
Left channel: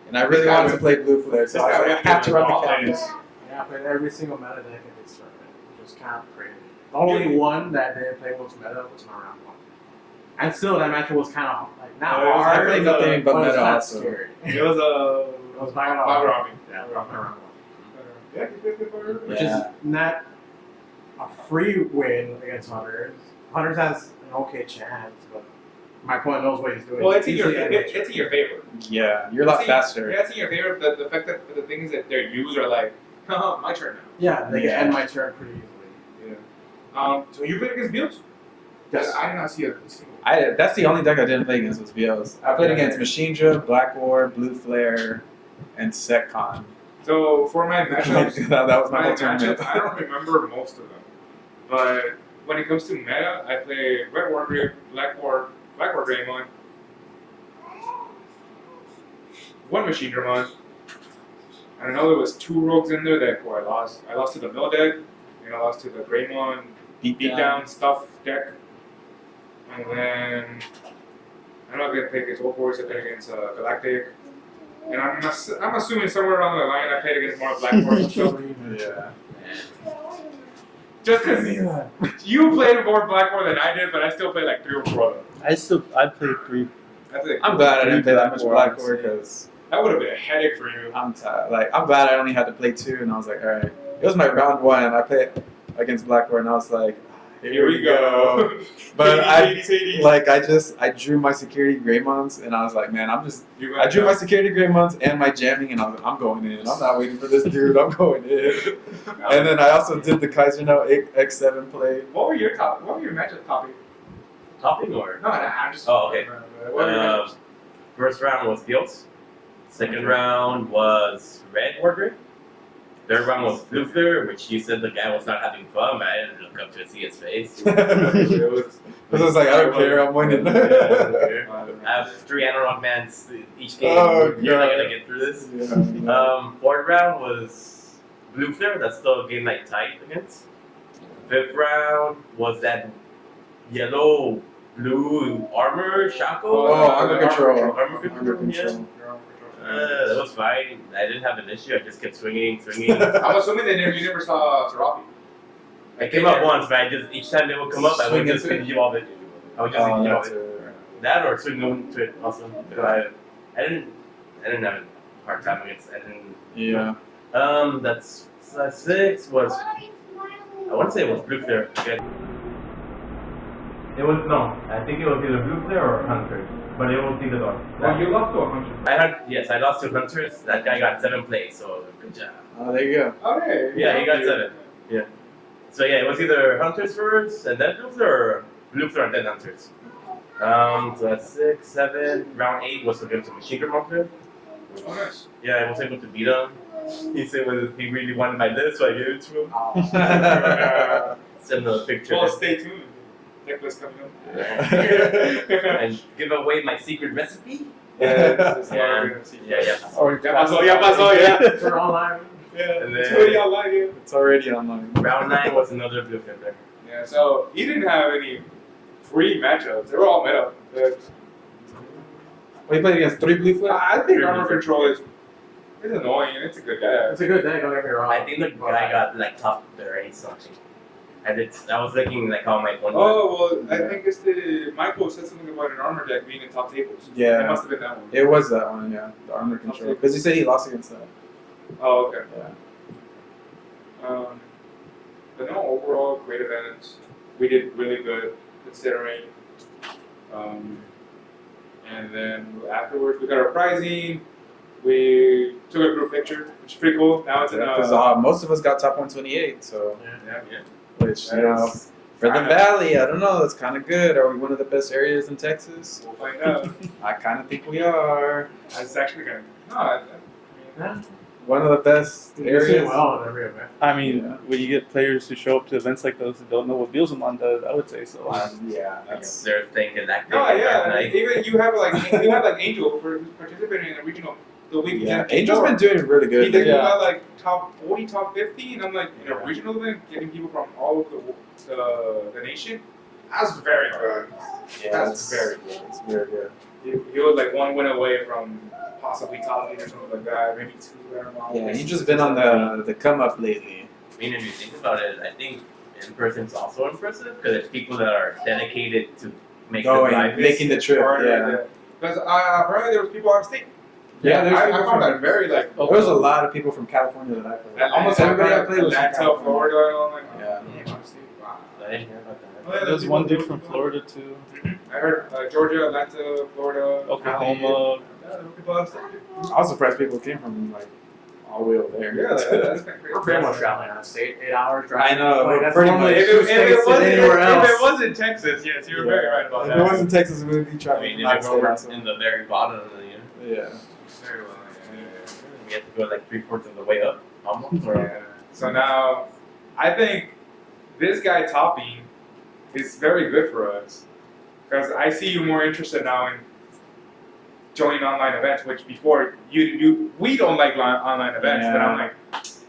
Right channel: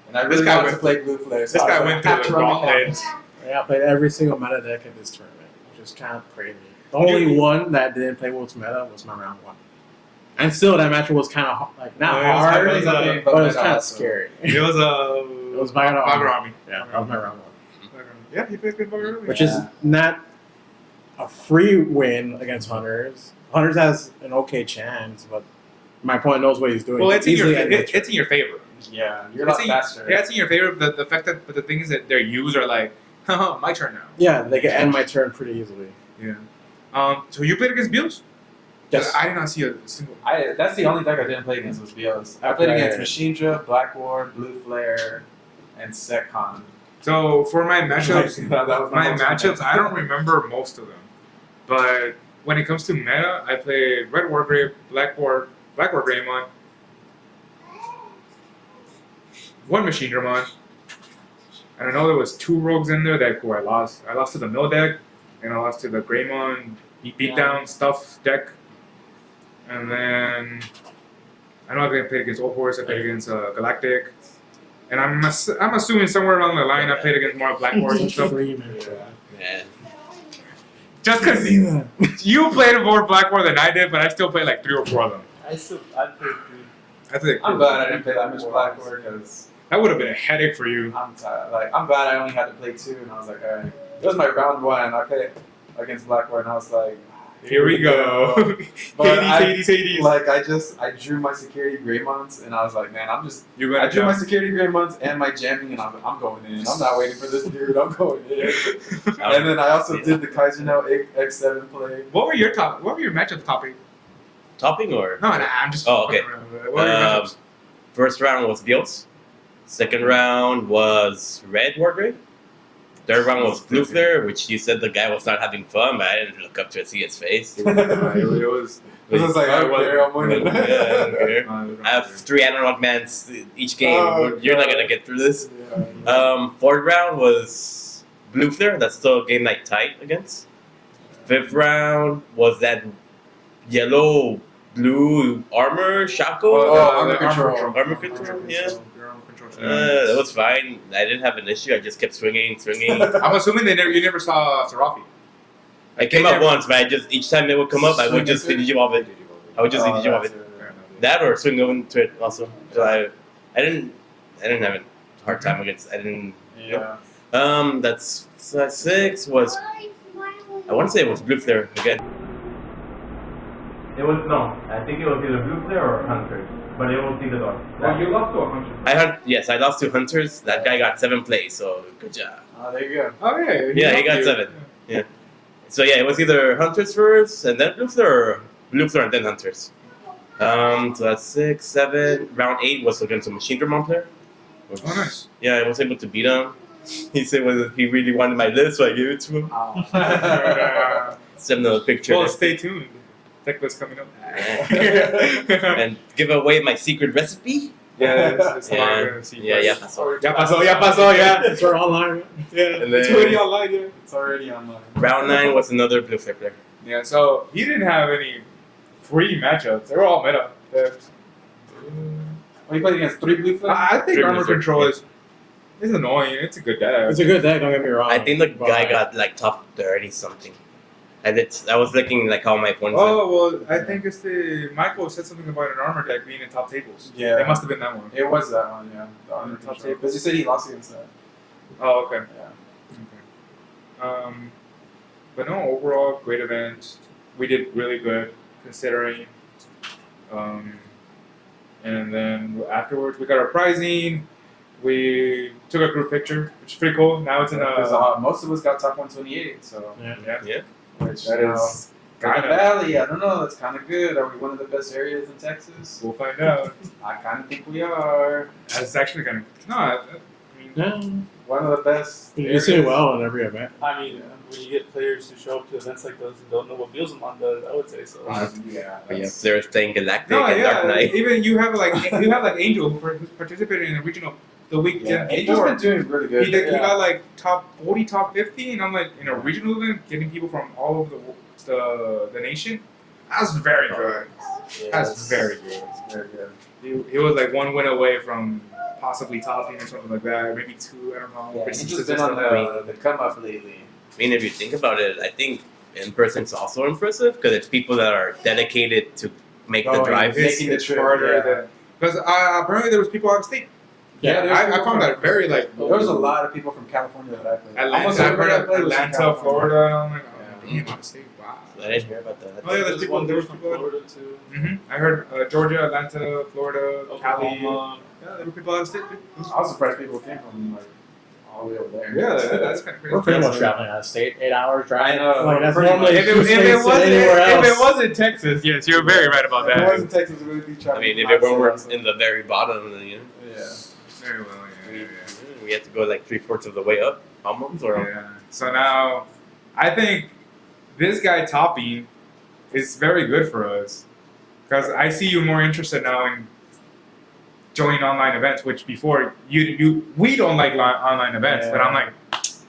and I This really guy wanted to went- play Blue Flare, so this I guy was went like, through have to the run the gauntlet. cabinets. Yeah, I played every single meta deck in this tournament, which is kind of crazy. The only one that didn't play Wolves meta was my round one. And still, that match was kind of like not Yeah, it was hard, hard, It was nothing but but it was meta kind of also. scary. It was It was Baggerami. Baggerami. Yeah, that was my round one. Yeah, he played good Baggerami. Which Yeah. is not a free win against Hunters. Hunters has an okay chance, but my opponent knows what he's doing. Well, it's in your Easily end the it's in your favor. Yeah, you're a lot It's in- faster. Yeah, it's in your favor. The fact that but the thing is that their U's are like, haha, my turn now. Yeah, they can Yeah. end my turn pretty easily. Yeah. So you played against Bills? Yes. I did not see a single. That's the only deck I didn't play against was BOs. I played Right. against Machine Draw, Black War, Blue Flare, and Setcon. So for my matchups, that was my my whole tournament. matchups, I don't remember most of them. But when it comes to meta, I play Red Wargrave, Black War Greymon, one Machine Dramon, and I know there was 2 rogues in there that who I lost. I lost to the Mill deck, and I lost to the Greymon Beatdown Stuff deck, and then I know I played against Old Horse, I played against Galactic, and I'm assuming somewhere along the line I played against more Black Horse and stuff. Yeah. Man. Just because you played more Black War than I did, but I still played like 3 or 4 of them. I played 3. That's it. I'm glad I didn't play that much Black Black War because That would have been a headache for you. I'm tired. Like I'm glad I only had to play 2, and I was like, all right. It was my round 1. I played against Black War, and I was like, Here we go. But Hades. Like I drew my security Greymons, and I was like, man, You're I drew my down. security Greymons and my jamming, and I was like, I'm going in. I'm not waiting for this dude. I'm going in. And then I also did the Kaiser No X7 play. What were your matchup topic? Topping or? No, I'm just. Oh, okay. fucking around with it. What were your matchups? First round was Bills. Second round was Red Wargrave. Third round was Blue Flare, which you said the guy was not having fun, but I didn't look up to see his face. It was. I was like, I don't care. I'm winning. Yeah, I don't care. I have 3 analog mans each game. Oh, You're not God. gonna get through this. Yeah. Fourth round was Blue Flare. That's still a game night tight against. Fifth round was that yellow blue armor Shaco. Oh, armor control. Armor control. Yeah. Your own control. That was fine. I didn't have an issue. I just kept swinging. I'm assuming you never saw Serafi. I came up once, but I just each time it would come up, I would just Swing into finish off it. I would just finish off that's it. it. That or swing into it also. So I didn't have a hard time against. I didn't. Yeah. That's 6 was. I want to say it was Blue Flare again. It was no. I think it was either Blue Flare or Hunters, but it was either or. Well, you lost to a hunter. I lost to Hunters. That guy got 7 plays, so good job. Oh, there you go. Oh yeah. Yeah, he got 7. So yeah, it was either Hunters first and then Blue Flare, or Blue Flare and then Hunters. So that's 6, 7. Round 8 was against a Machine Dramon player. Oh nice. Yeah, I was able to beat him. He said he really wanted my list, so I gave it to him. Send him a picture. Well, stay tuned. Tech list coming up. And give away my secret recipe. Yeah, it's Yeah. hard. Yeah. Ya pasó, yeah. It's our online. Yeah, And it's then- already online, yeah. It's already online. Round 9 was another Blue Flare player. Yeah, so he didn't have any free matchups. They were all meta. Well, you played against 3 Blue Flare? I think Three armor Blizzard, control yeah. is annoying. It's a good deck. It's a good deck, don't get me wrong. I think the but- guy got like top 30 something. I was looking like how my points. Oh well, I Yeah. think it's Michael said something about an armor deck being in top tables. Yeah. It must have been that one. It was that one, yeah. The armor Top control. Because you said he lost against that. Oh okay. Yeah. But no, overall great event. we did really good considering. And then afterwards, we got our prizing. We took a group picture, which is pretty cool. Now it's in Because most of us got top 128, so yeah. which That you know, is for the kinda- valley, I don't know. That's kind of good. Are we one of the best areas in Texas? We'll find out. I kind of think we are. That's actually kind of no. I mean, Yeah. One of the best You're areas. doing well in every event. I mean, Yeah. when you get players who show up to events like those and don't know what Beelzemon does, I would say so. Yeah, Yes, they're staying Galactic no, and Dark yeah. Knight. Even you have like Angel who's participating in the regional the week. yeah. before. Angel's been doing really good. He did. He Yeah. got like top 40, top 50, and I'm like in a Yeah. regional event, getting people from all over the nation. That's very good. Yeah, That's it's very good. It's very good. He was like one win away from possibly topping or something like that. Maybe two. I don't know. Yeah, Maybe he's six just or been on seven. the come up lately. I mean, if you think about it, I think in person's also impressive because it's people that are dedicated to make the Going, drive. making the trip. Yeah. Because apparently there was people out of state. Yeah, there's I people found from- that very like. There was a lot of people from California that I played. Atlanta, Almost everybody I played was from Atlanta, California. Florida, and I'm like, Yeah. damn, out of state. Wow. I didn't hear about that. Oh, yeah, There's there's one people- dude from Florida too. I heard Georgia, Atlanta, Florida, Cali. Oklahoma. Yeah, there were people out of state. I was surprised people came from like all the way over there. Yeah, that's kind of crazy. We're pretty much traveling out of state, 8 hours drive. I know, Like, that's pretty normally much. If two it states wasn't than anywhere if it else. wasn't Texas, yes, you're very right about If that. it wasn't Texas, we would be I traveling. mean, from if it outside were also. in the very bottom, then Yeah. Very well, yeah. we have to go like 3/4 of the way up, almost. Or Yeah. So now, I think this guy topping is very good for us because I see you more interested now in joining online events, which before we don't like online events, but I'm Yeah. like,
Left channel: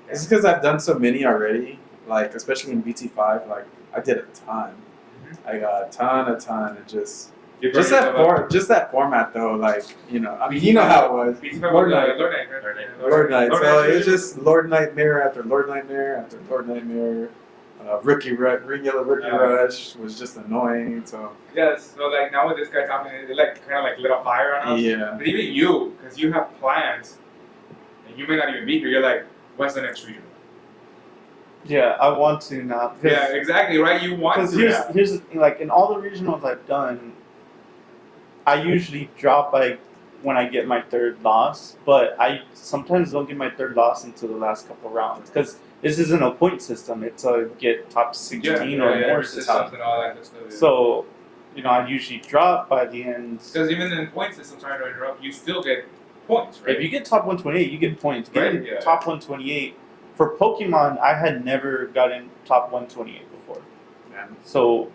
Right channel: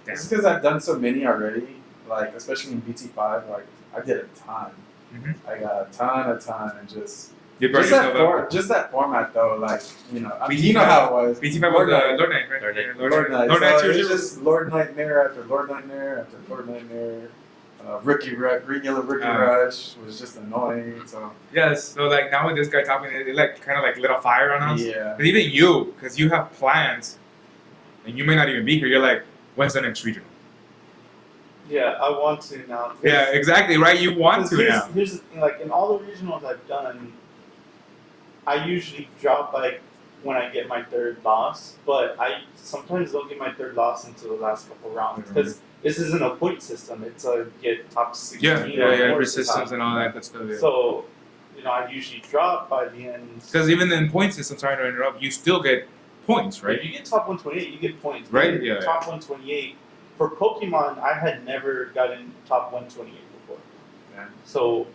It's because I've done so many already. Like especially in BT5, like I did a ton. Mhm. I got a ton, and just you burn that yourself up. just that format though. Like I mean, BT5 you know how it was. BT5 Lord was Knight. Lord Knight, right? Lord Knight. Yeah, Lord Knight. Lord So Knight's it's usually- just Lord Nightmare after Lord Nightmare after Lord Nightmare. Green Yellow Rookie Yeah. Rush was just annoying. So Yes. So like now with this guy topping, it like kind of like lit a fire on us. yeah, But even you, because you have plans, and you may not even be here. You're like, when's the next region? Yeah, I want to now. Yeah, exactly. Right. You want Because to now. here's the thing, like in all the regionals I've done, I usually drop like when I get my third loss, but I sometimes don't get my third loss until the last couple rounds because this isn't a point system; it's a get top 16 or more resistance system. and all that good stuff. Yeah. So, I usually drop by the end. Because even in point system, sorry to interrupt, you still get points, right? If you get top 128, you get points. Right, Even yeah. Top 128 for Pokemon, I had never gotten top 128 before. man. So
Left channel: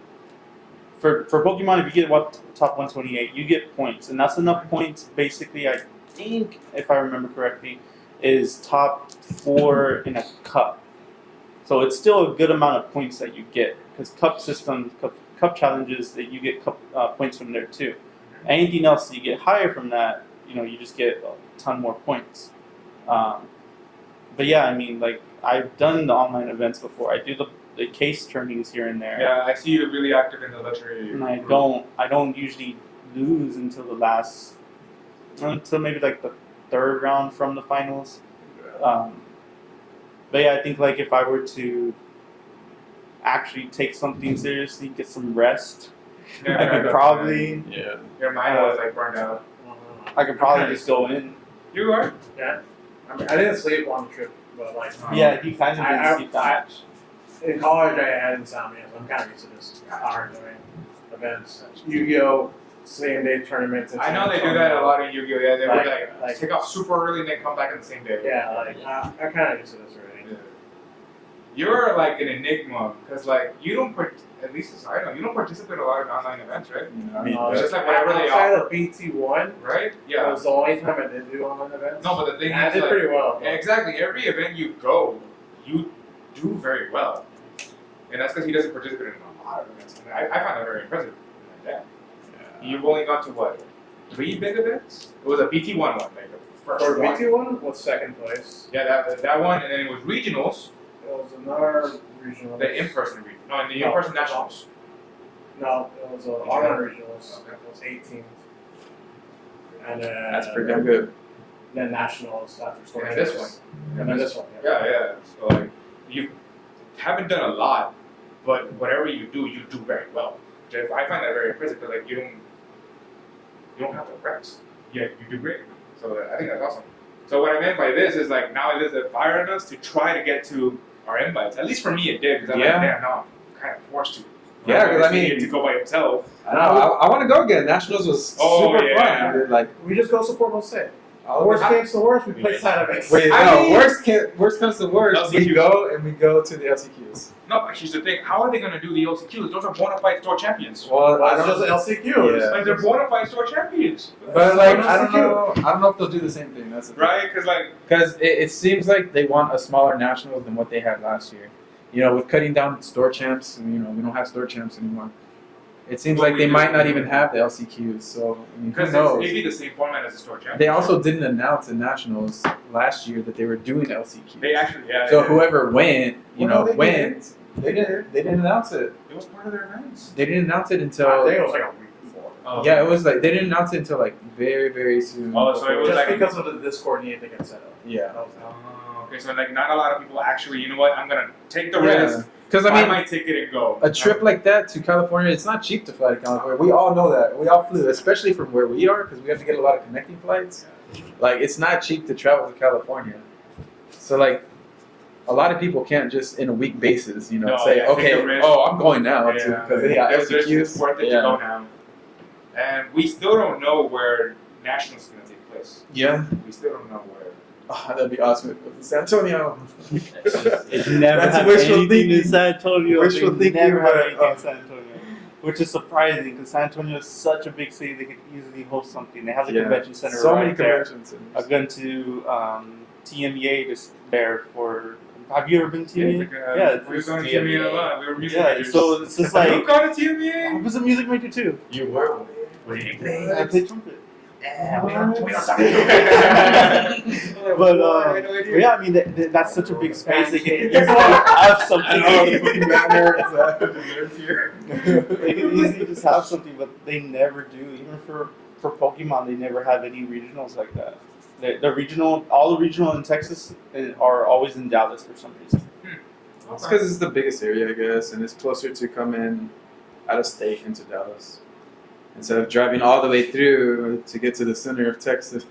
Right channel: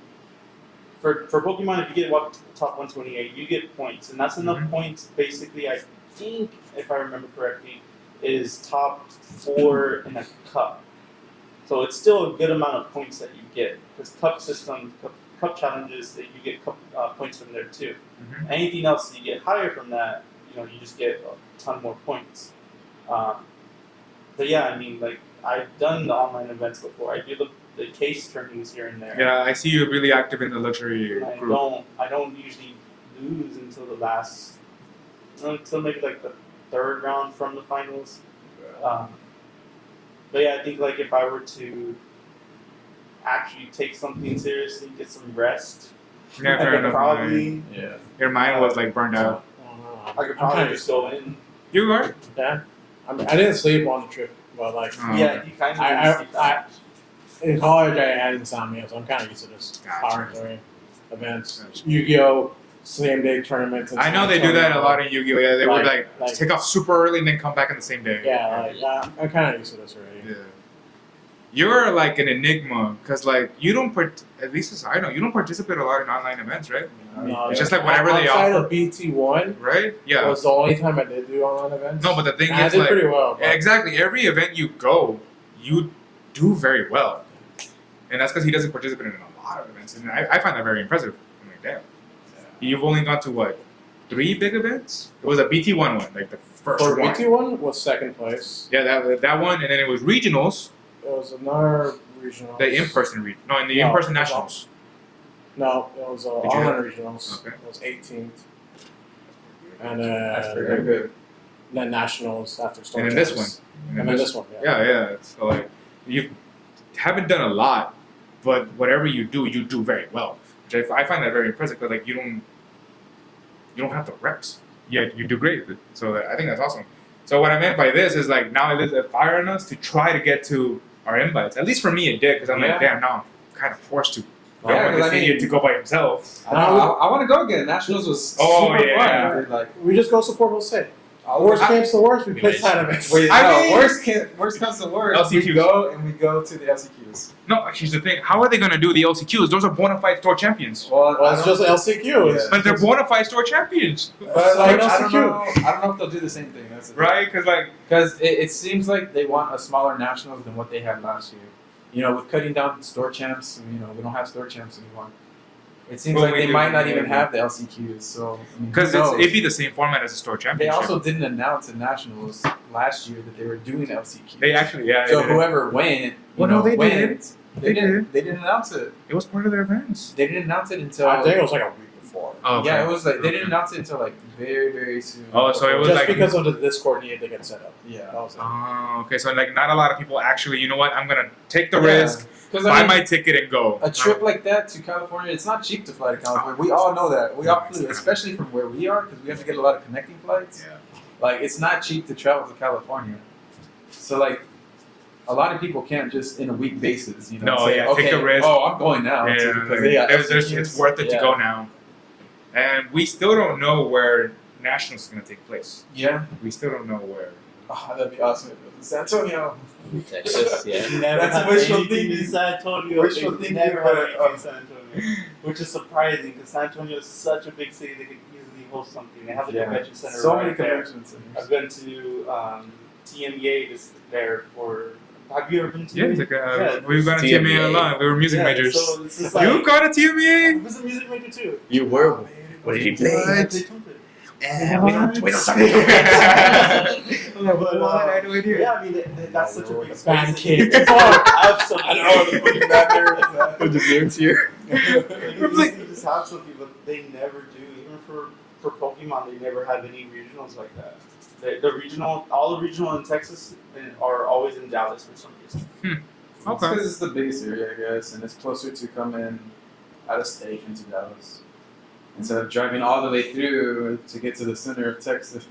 for Pokemon, if you get top 128, you get points, and that's enough Mhm. points. Basically, I think if I remember correctly, is top 4 in a cup. So it's still a good amount of points that you get because cup systems, cup challenges, that you get points from there too. Mhm. Anything else you get higher from that, you just get a ton more points. But yeah, I mean, like I've done the online events before. I do the case turnings here and there. Yeah, I see you're really active in the luxury And I group. don't usually lose until the last, until maybe like the third round from the finals. But yeah, I think like if I were to actually take something seriously, get some rest, Yeah, I fair could enough, probably, man. Yeah. Your mind was like burned out. I could probably just go in. You are? Yeah. I mean, I didn't sleep on the trip, but like Yeah, he kind of I- didn't sleep that much. in college, I had insomnia, so I'm kind of used to this Gotcha. powering during events. Yu-Gi-Oh! Same day tournaments. and I know stuff. they do that a lot in Yu-Gi-Oh! Yeah, they would Like- like take off super early and then come back on the same day. Yeah, like I'm kind of used to this already. Yeah. You're like an enigma because like you don't at least as I know you don't participate a lot in online events, right? It's just like whatever they outside offer. of BT1 Right? Yeah. was the only time I did do online events. No, but the thing And I is did like pretty well. but- exactly every event you go, you do very well, and that's because he doesn't participate in a lot of events, and I find that very impressive. I'm like, damn. You've only gone to what? 3 big events? It was a BT1 one, like the first For one. BT1 was second place. Yeah, that one, and then it was regionals, It was another regional. the in-person no, in the No, in-person it was nationals. No, it was Did you online have- regionals. Okay. It was 18th. And then That's pretty damn good. Then nationals after Storm. And then this Chase. one. And then this one. Yeah. Yeah. So like, you haven't done a lot, but whatever you do very well. Which I find that very impressive. Because like you don't have the reps. Yeah, you do great. So I think that's awesome. So what I meant by this is like now it is a fire on us to try to get to our invites. At least for me, it did because I'm Yeah. like, damn, now I'm kind of forced to. Yeah, 'cause I Obviously, mean- to go by himself. I know. I want to go again. Nationals was Oh, super yeah. fun. Dude. Like, We just go support Jose. all Worst the- case to worst, we play Nice. side events. Wait, I no. mean- Worst comes to worst, we LCQs. go to the LCQs. No, here's the thing. How are they going to do the LCQs? Those are bona fide store champions. Well, Well, it's just LCQ. Yeah. But they're bona fide store champions. But like, It's I don't LCQ. know. I don't know if they'll do the same thing. That's the thing. Right? Because like, Because it seems like they want a smaller nationals than what they had last year. You know, with cutting down store champs, you know, we don't have store champs anymore. It seems Well, like we they do. might not even have the LCQs. So, I mean, who because knows? it'd be the same format as a store championship. They also didn't announce in nationals last year that they were doing LCQs. They actually, yeah. So yeah. whoever went, you Well, no, know, they went. They did. They didn't announce it. It was part of their events. They didn't announce it until. I think it was like a week before. Oh, Yeah, okay. it was like they didn't announce it until like very, very soon. Oh, so it before- was Just like- because of the Discord need to get set up. Yeah. That was it. Oh, okay. So like, not a lot of people actually. You know what? I'm gonna take the Yeah. risk, Because buy I mean, my ticket, and go. a trip like that to California, it's not cheap to fly to California. We all know that. We all flew, especially from where we are, because we have to get a lot of connecting flights. Like, it's not cheap to travel to California. So, like, a lot of people can't just in a week basis, you know, No, say, yeah, take okay, the risk. oh, I'm going now. Yeah, Because they got it's LCQs. worth it Yeah. to go now. And we still don't know where Nationals is gonna take place. Yeah. We still don't know where. Oh, that'd be awesome if it was in San Antonio. Texas, yeah. They never That's have wishful anything thinking. in San Antonio. Wishful They thinking, never but, have anything in San Antonio, which is surprising because San Antonio is such a big city. They could easily host something. They have a Yeah. convention center. So right many there. convention I've centers. been to TMEA just there for. Have you ever been to Yeah, TMEA? it's like, Yeah, we've gone to TMEA. TMEA a lot. We were music yeah, majors. so it's just like You've gone to I TMEA? was a music major too. You were. What did you play? I played trumpet. We don't talk about Yeah, I mean that's such a big space. They Pancake. can have something. I know, the fucking bad nerds. Just nerds here. They can easily just have something, but they never do. Even for Pokemon, they never have any regionals like that. The regional, all the regional in Texas are always in Dallas for some reason. It's Okay. because it's the biggest area, I guess, and it's closer to coming out of state into Dallas. Instead of driving all the way through to get to the center of Texas.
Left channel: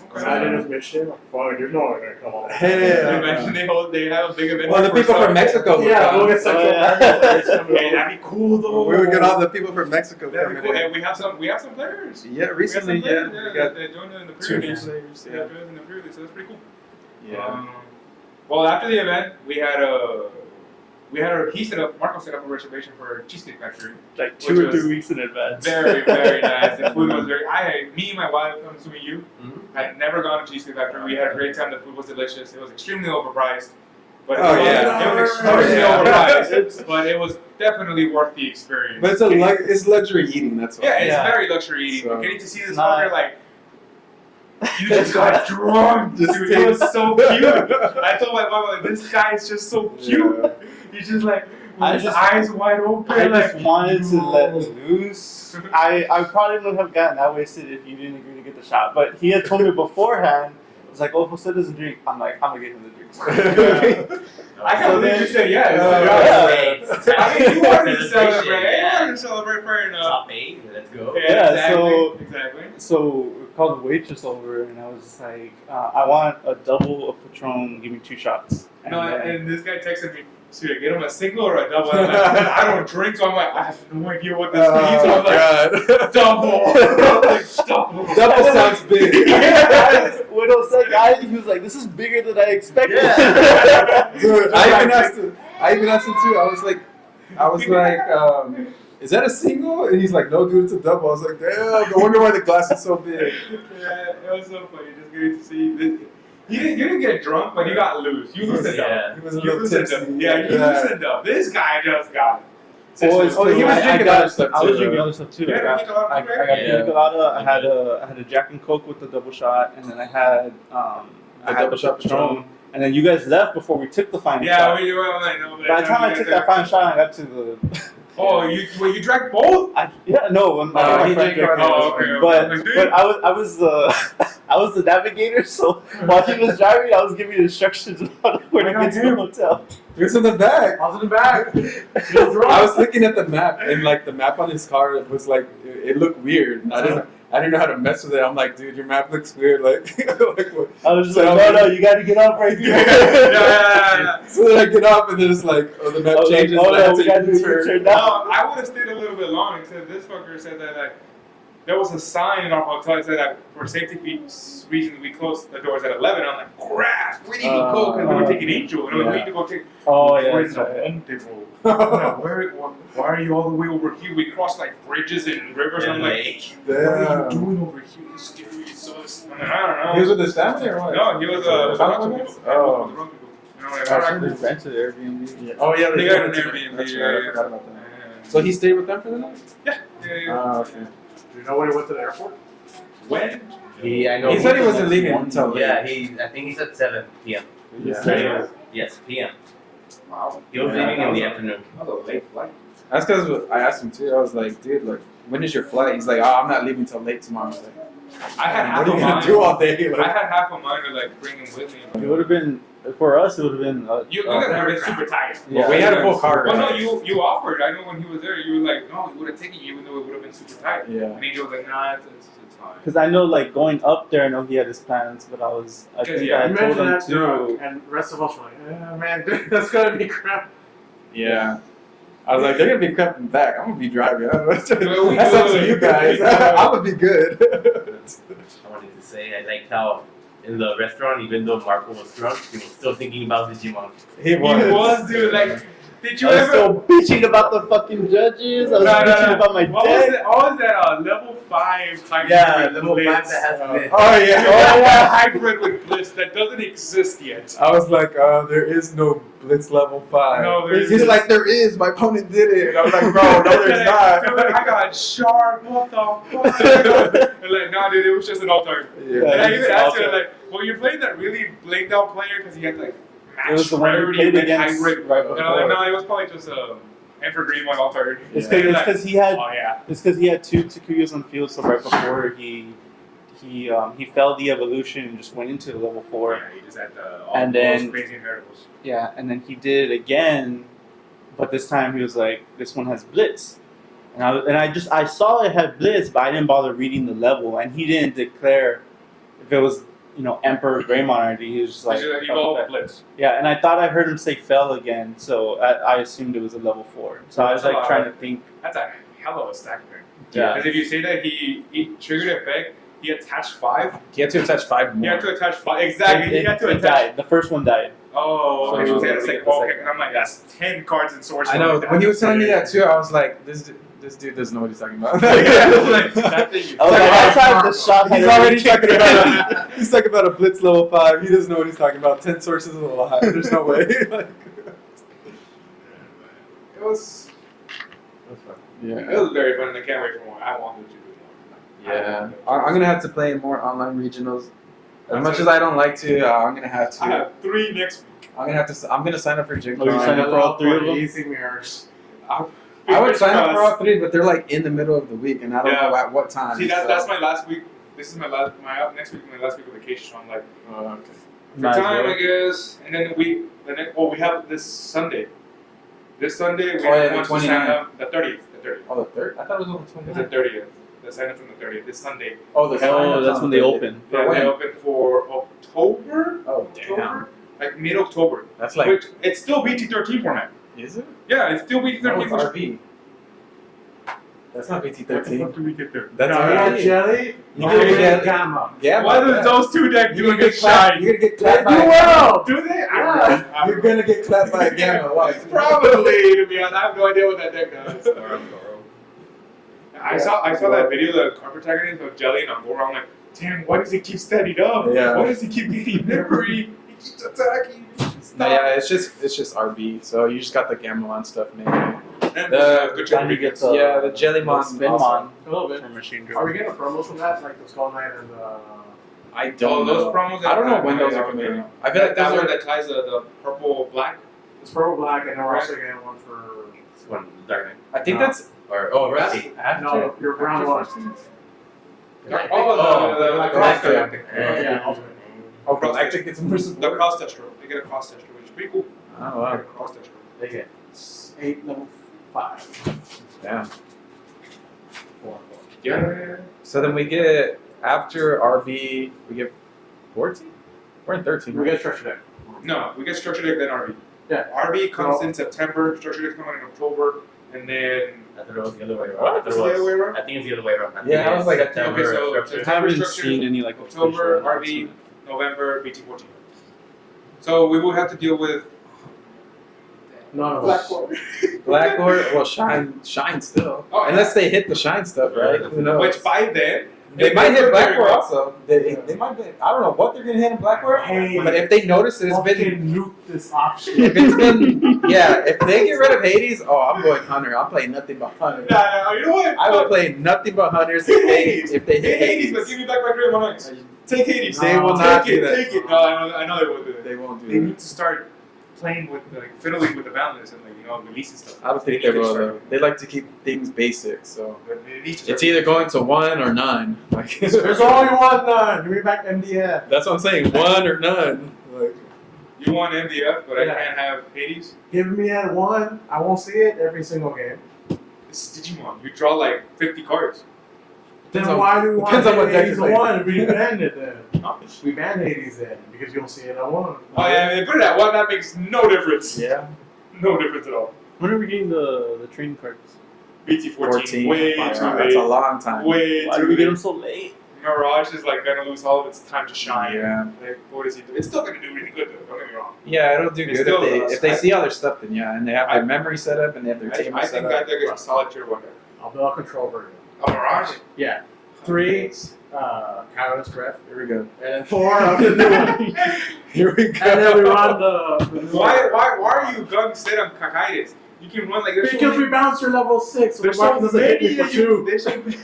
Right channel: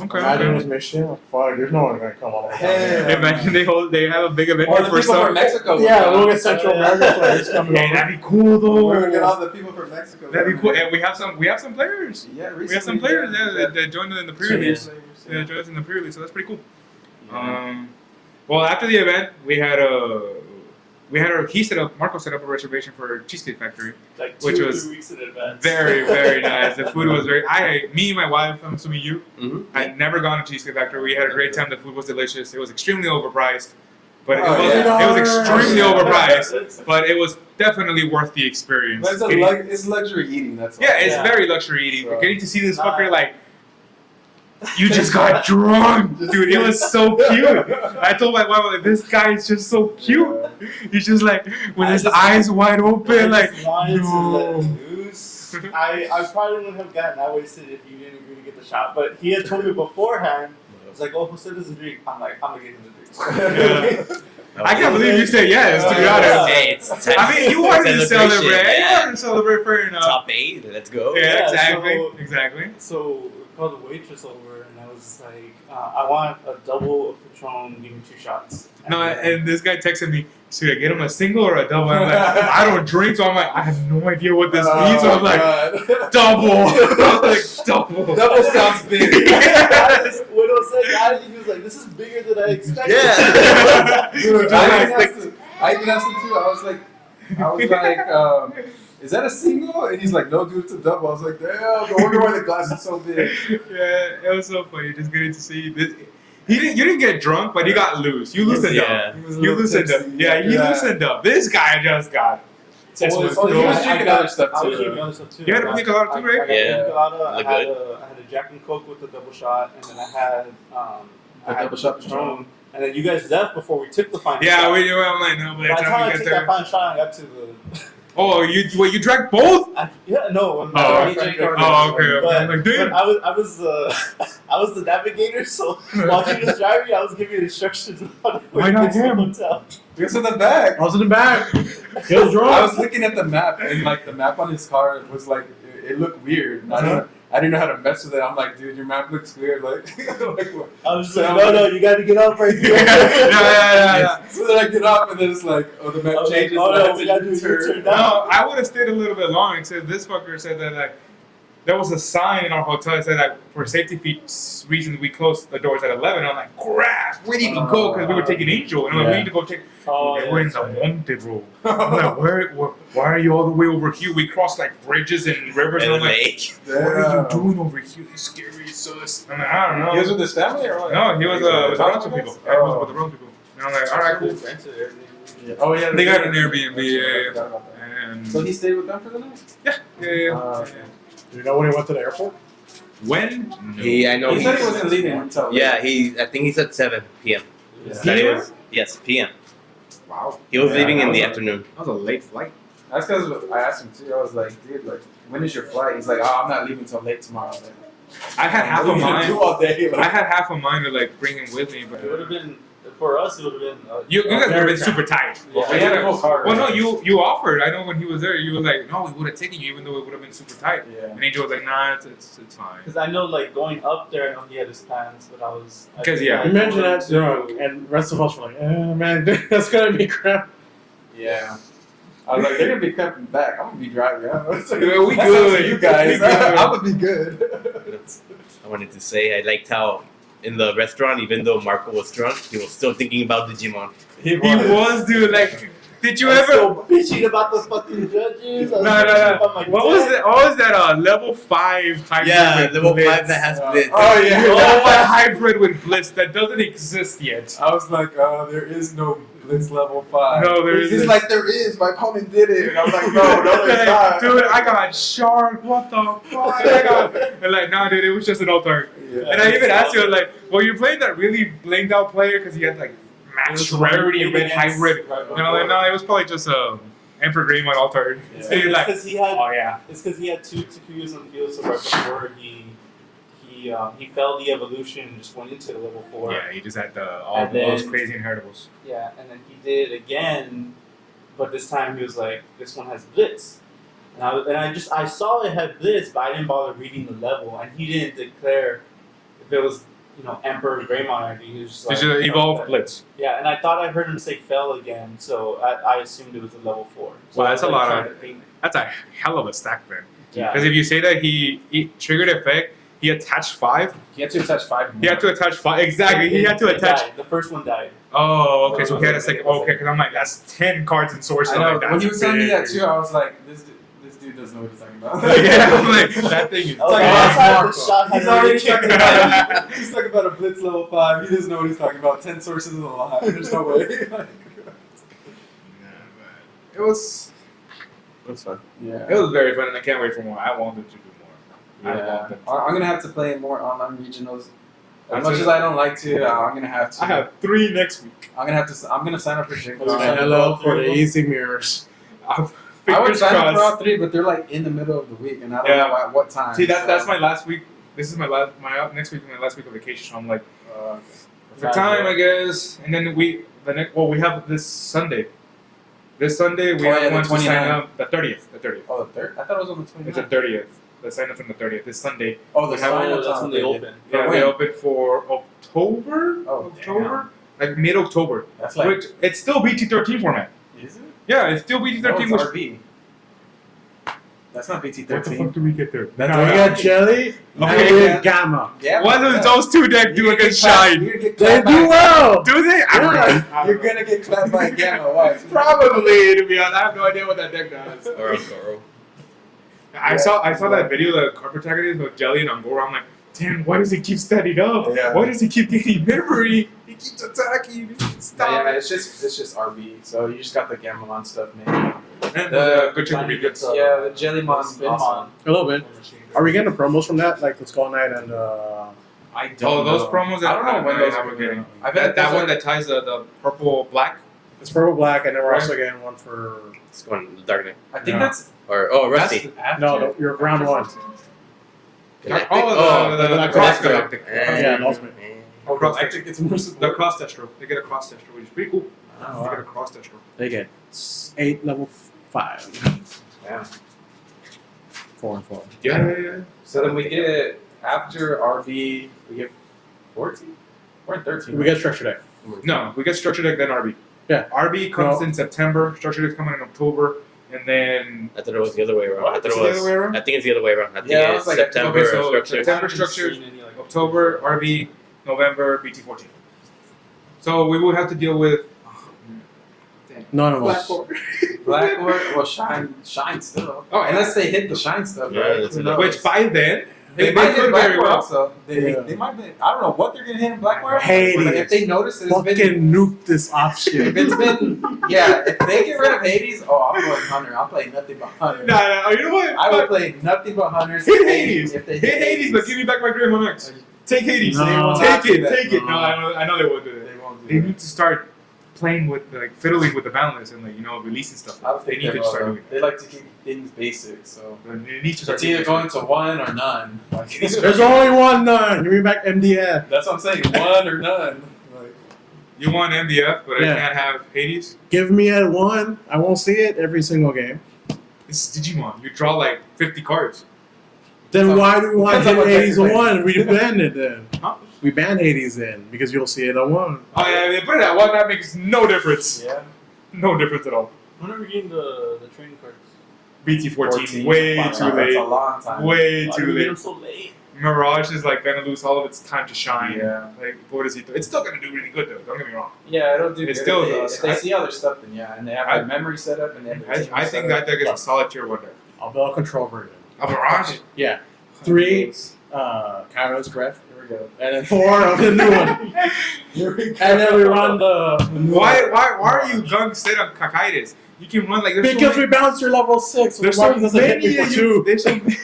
Okay. Imagine this mission. Like, fuck, there's no one gonna come all the way. Hell. Imagine they have a big event. Or the for people some- from Mexico would Yeah, come. we'll get Central American players coming Hey, over. that'd be cool though. We would get all the people from Mexico. That'd be coming cool. in. And we have some players. Yeah, We have recently. some players yeah, that joined in the two pre-release. new players. Yeah, joined us in the pre-release, so that's pretty cool. Yeah. Well, after the event, Marco set up a reservation for Cheesecake Factory. Like Which 2 or was 3 weeks in advance. Very, very nice. The food was me and my wife, I'm assuming you, Mhm. I had never gone to Cheesecake Factory. We had a great time. The food was delicious. It was extremely overpriced. But Oh, it was extremely Oh, yeah. overpriced. But it was definitely worth the experience. But it's luxury eating, that's all. Yeah, it's Yeah. very luxury eating. So- But getting to see this Nah. fucker like, you just got drunk, dude. It was so cute. I told my wife, like, this guy is just so cute. Yeah. He's just like, with I his just- eyes wide I open, like, just wanted to let no. loose. I probably wouldn't have gotten that wasted if you didn't agree to get the shot. But he had told me beforehand. It's like, oh, Jose doesn't drink. I'm like, I'm gonna get him the drinks. I can't believe you said yes. To be honest. I mean, you wanted to celebrate. You wanted to celebrate fair enough. Top 8, let's go. Yeah, Yeah, exactly. so- Exactly. So we called the waitress over, and I was just like, I want a double of Patron. Give me 2 shots. No, then- and this guy texted me, should I get him a single or a double? And I'm like, I don't drink, so I'm like, I have no idea what this means. So I'm like, God. double. I'm like, double. Double sounds big. When I said that, he was like, "This is bigger than I expected." Yeah. Dude, I even asked him too. I was like, is that a single? And he's like, no, dude, it's a double. I was like, damn, no wonder why the glass is so big. Yeah, it was so funny just getting to see this. You didn't get drunk, but you got loose. You loosened Yeah. up. He was a You little loosened tipsy. up. Yeah, you loosened up. This guy just got. Oh, he was drinking other stuff I was too. drinking other stuff too. You had a I pina colada got- too, right? I got Yeah. pina colada. I had Look I had a Jack and Coke with the double shot, and then I had The double shot Patron. and then you guys left before we took the final. Yeah, shot. we do. I'm like, no, but By the time I took that final shot, I got to the. Oh, you drank both? No, I'm Oh, not. he drank Oh, already. okay. okay. But, I'm like, but dude. I was the I was the navigator, so while he was driving, I was giving instructions on where Why to not get to the him? hotel. He was in the back. I was in the back. He was drunk. I was looking at the map, and like the map on his car was like it looked weird. And I didn't know how to mess with it. I'm like, dude, your map looks weird. Like, like what? I was just So like, I was no, like- you gotta get off right here. Yeah. So then I get up, and then it's like, oh, the I map was like, changes. oh, and I no, have we to gotta do a U-turn. U-turn No, now. I would have stayed a little bit long. Except this fucker said that like there was a sign in our hotel that said that for safety reasons we closed the doors at 11. I'm like, crap, we didn't even go because we were taking Angel, and I'm like, we need to go take. Oh, we're yeah. in the haunted road. I'm like, why are you all the way over here? We crossed like bridges and rivers, and I'm And like, lake. what are you Damn. doing over here? You scary sus. I'm like, I don't know. He was with his family or what? No, he was with the Bronx people. Oh. Yeah, he was with the Bronx people. And I'm like, all right, cool. Rented Airbnb. Yeah. Oh yeah, They got an did. Airbnb, That's yeah, right, I yeah. forgot about that. And So he stayed with them for the night? yeah. Ah, okay. You know when he went to the airport? When? I know. He said he wasn't leaving until late. Yeah, I think he said 7 p.m. Yeah. So he was- yes, p.m. Wow. He was Yeah, leaving that in was the a- afternoon. That was a late flight. That's because I asked him too. I was like, dude, like, when is your flight? He's like, oh, I'm not leaving till late tomorrow. I was like, I had half what a are you gonna mind. do all day? I Like, had half a mind to like bring him with me, but It would have been, for us, it would have been. you guys would have very been super tight. well, we had a full car. Well, no, right? you offered. I know when he was there, you were like, no, we would have taken you, even though it would have been super tight. Yeah. And Angel was like, nah, it's fine. Because I know, like, going up there, I know he had his plans, but I was. I 'Cause, think yeah, I You mentioned told him that drunk, and the rest of us were like, man, that's gonna be crap. Yeah. I was like, they're gonna be coming back. I'm gonna be driving. That's up We to good. you guys. We good. I'm gonna be good. I wanted to say I liked how in the restaurant, even though Marco was drunk, he was still thinking about Digimon. He was, dude. Like, did you I was ever? so bitching about the fucking judges. I was No, bitching about my What debt. was that? Level 5 hybrid. Yeah, with level Blitz? 5 that has Oh, Blitz. oh The yeah. only one hybrid with Blitz that doesn't exist yet. I was like, there is no Blitz level 5. No, there He's isn't. like, there is. My opponent did it. And I'm like, no, there's not. Dude, I got shark. What the fuck? And like, nah, dude, it was just an altar. Yeah. And I even asked you, like, well, you're playing that really blamed out player because he had like It was max the one who rarity played with against- hybrid. Right, And I'm like, no, it was probably just Emperor Greymon altar. It's And you're because like, he had. oh yeah. It's because he had 2 Takuyas on the field, so right before he failed the evolution and just went into the level 4. Yeah, he just had all And those then- crazy inheritables. Yeah, and then he did it again, but this time he was like, "This one has Blitz," and I saw it had Blitz, but I didn't bother reading the level, and he didn't declare if it was Emperor Greymon or he was just like Did you evolve Blitz? Yeah, and I thought I heard him say fell again, so I assumed it was a level 4. So Wow, I that's was a like lot trying of- to think. That's a hell of a stack, man. Yeah. Because if you say that he triggered effect, he attached 5. He had to attach 5 more. He had to attach 5. Exactly. He had to It attach. died. The first one died. Oh, okay. So he had a Oh, second. yeah, Okay, because I'm like, that's 10 cards in source. I know. Like, When he was that's telling me that big. too, I was like, this dude doesn't know what he's talking about. Yeah, like, that thing is. Oh, like, that's oh, how the shot had He's already already kicked talking in. about he's talking about a Blitz level 5. He doesn't know what he's talking about. 10 sources is a lot. There's no way. Like, It was fun. yeah. It was very fun, and I can't wait for more. I wanted to do more. Yeah, I'm gonna have to play more online regionals. As That's much it. as I don't like to, I'm gonna have to. I have 3 next week. I'm gonna sign up for Jig Oh, you're signing Sign up up for for all the 3 of them? easy mirrors. I would Fingers sign up for crossed. all 3, but they're like in the middle of the week, and I don't Yeah. know at what time. See, so- that's my last week. This is my next week, my last week of vacation. So I'm like, Oh, okay. for Nice, time, bro. I guess. And then we have this Sunday. This Sunday we Oh, yeah, have the one to sign 29th. up. The 30th. The 30th. Oh, the 3rd? I thought it was on the It's the 29th. 30th. The sign up from the 30th. This Sunday. Oh, the We have- sign-up's that's on when the they 30th. open. Yeah, we when? open for October. Oh, October. Like mid-October. That's like. Which it's still BT13 format. Is it? Yeah, it's still No, BT13. it's which- RB. That's not What the fuck BT13. did we get there? That's You RB. got jelly, you Oh, get yeah. gamma. Yeah, What man, does those two decks do You're gonna against get clapped- Shine? You're gonna get They clapped do by well. Do they? Yeah, you're gonna get clapped by a gamma. Watch. Probably, to be honest. I have no idea what that deck does. Or Goro. I saw that video, the card protagonist of Jelly and Angora. I'm like, damn, why does he keep standing up? Yeah. Why does he keep getting memory? He keeps attacking. Stop. Yeah, it's just RB. So you just got the Gamelon stuff, maybe. And The- good Trying to job. get the Yeah, the Jellymon. Spin Also. Mon A little bit. for machine Are we getting the promos from that, like the Skull Knight and I Oh, don't those know. promos. I don't know when those are are coming getting. out. I feel like That those one are- that ties the purple black. it's purple black, and then we're Right. also getting one for It's going to Dark Knight. I think No. that's Rusty. after. no, you're round one. Galactic? Oh, the Galactic. cross galactic. Yeah, Ultimate. Oh, Galactic gets more The support. cross testro. They get a cross testro, which is pretty cool. Oh, I wow. gotta cross that. They get 8 level 5. Yeah. 4 and 4. Yeah. So then we get after RB, we get 14. We're in 13. We Right? get structure deck. No, we get structure deck then RB. Yeah. RB comes No. in September. Structure deck coming in October, and then I thought it was the other way around. What? I thought It's it the was. other way around? I think it's the other way around. I think Yeah, I it's was like, September okay, so structure. I haven't structure, seen any like October official RB, November BT14. So we will have to deal with None of us. Blackboard, well, shine still. Oh, Unless they hit the shine stuff, Yeah, right? that's Who enough. knows? which by then They might hit could Blackboard very well- also. They, Yeah. they might be, I don't know what they're gonna hit in Blackboard. Hades. But if they notice that it's Fucking been, nuke this off if shit. it's been, yeah, if they get rid of Hades, oh, I'm going Hunter. I'm playing nothing but Hunter. Nah, you know what? I will play nothing but Hunters Hit if they Hades. if they Hit Hades, but give me back my Greymon X. Take Hades. They will not take do it. that. Take it. No, I know they won't do that. They won't They do need to start playing with, like, fiddling with the balance and, like, releasing stuff. that. I don't think they need to will start though. doing They like to keep things basic, so it. They need to start it's either doing going to 1 or none. Like There's only one none. Give me back MDF. that's what I'm saying. 1 or none. Like You want MDF, but Yeah. I can't have Hades. Give me at 1. I won't see it every single game. This is Digimon. You draw like 50 cards. Then Depends on- why do we want depends on what deck Hades you're at playing. 1? We banned it then. Huh? We banned Hades then because you'll see it at 1. Oh yeah, they put it at 1. That makes no difference. yeah. No difference at all. When are we getting the trading cards? BT14. Way Wow, too that's late. a long time. Way Why do too we get them late. so late? Mirage is like gonna lose all of its time to shine. Yeah. Like, what does he do? It's still gonna do really good though. Don't get me wrong. Yeah, it'll do It good still if does. they see other stuff. Then yeah, and they have I- their memory set up and they have their team I set think up. that deck is a solid tier 1 deck. I'll build a control version. A Mirage. Yeah. 3, Kairos Breath. Here we go. And then 4 of the new one. Here we go. And then we run the. Why are you gung set on Kakaitis? You can run like there's Because so we bounced your level 6. There's Mark so doesn't hit many me for of 2. you.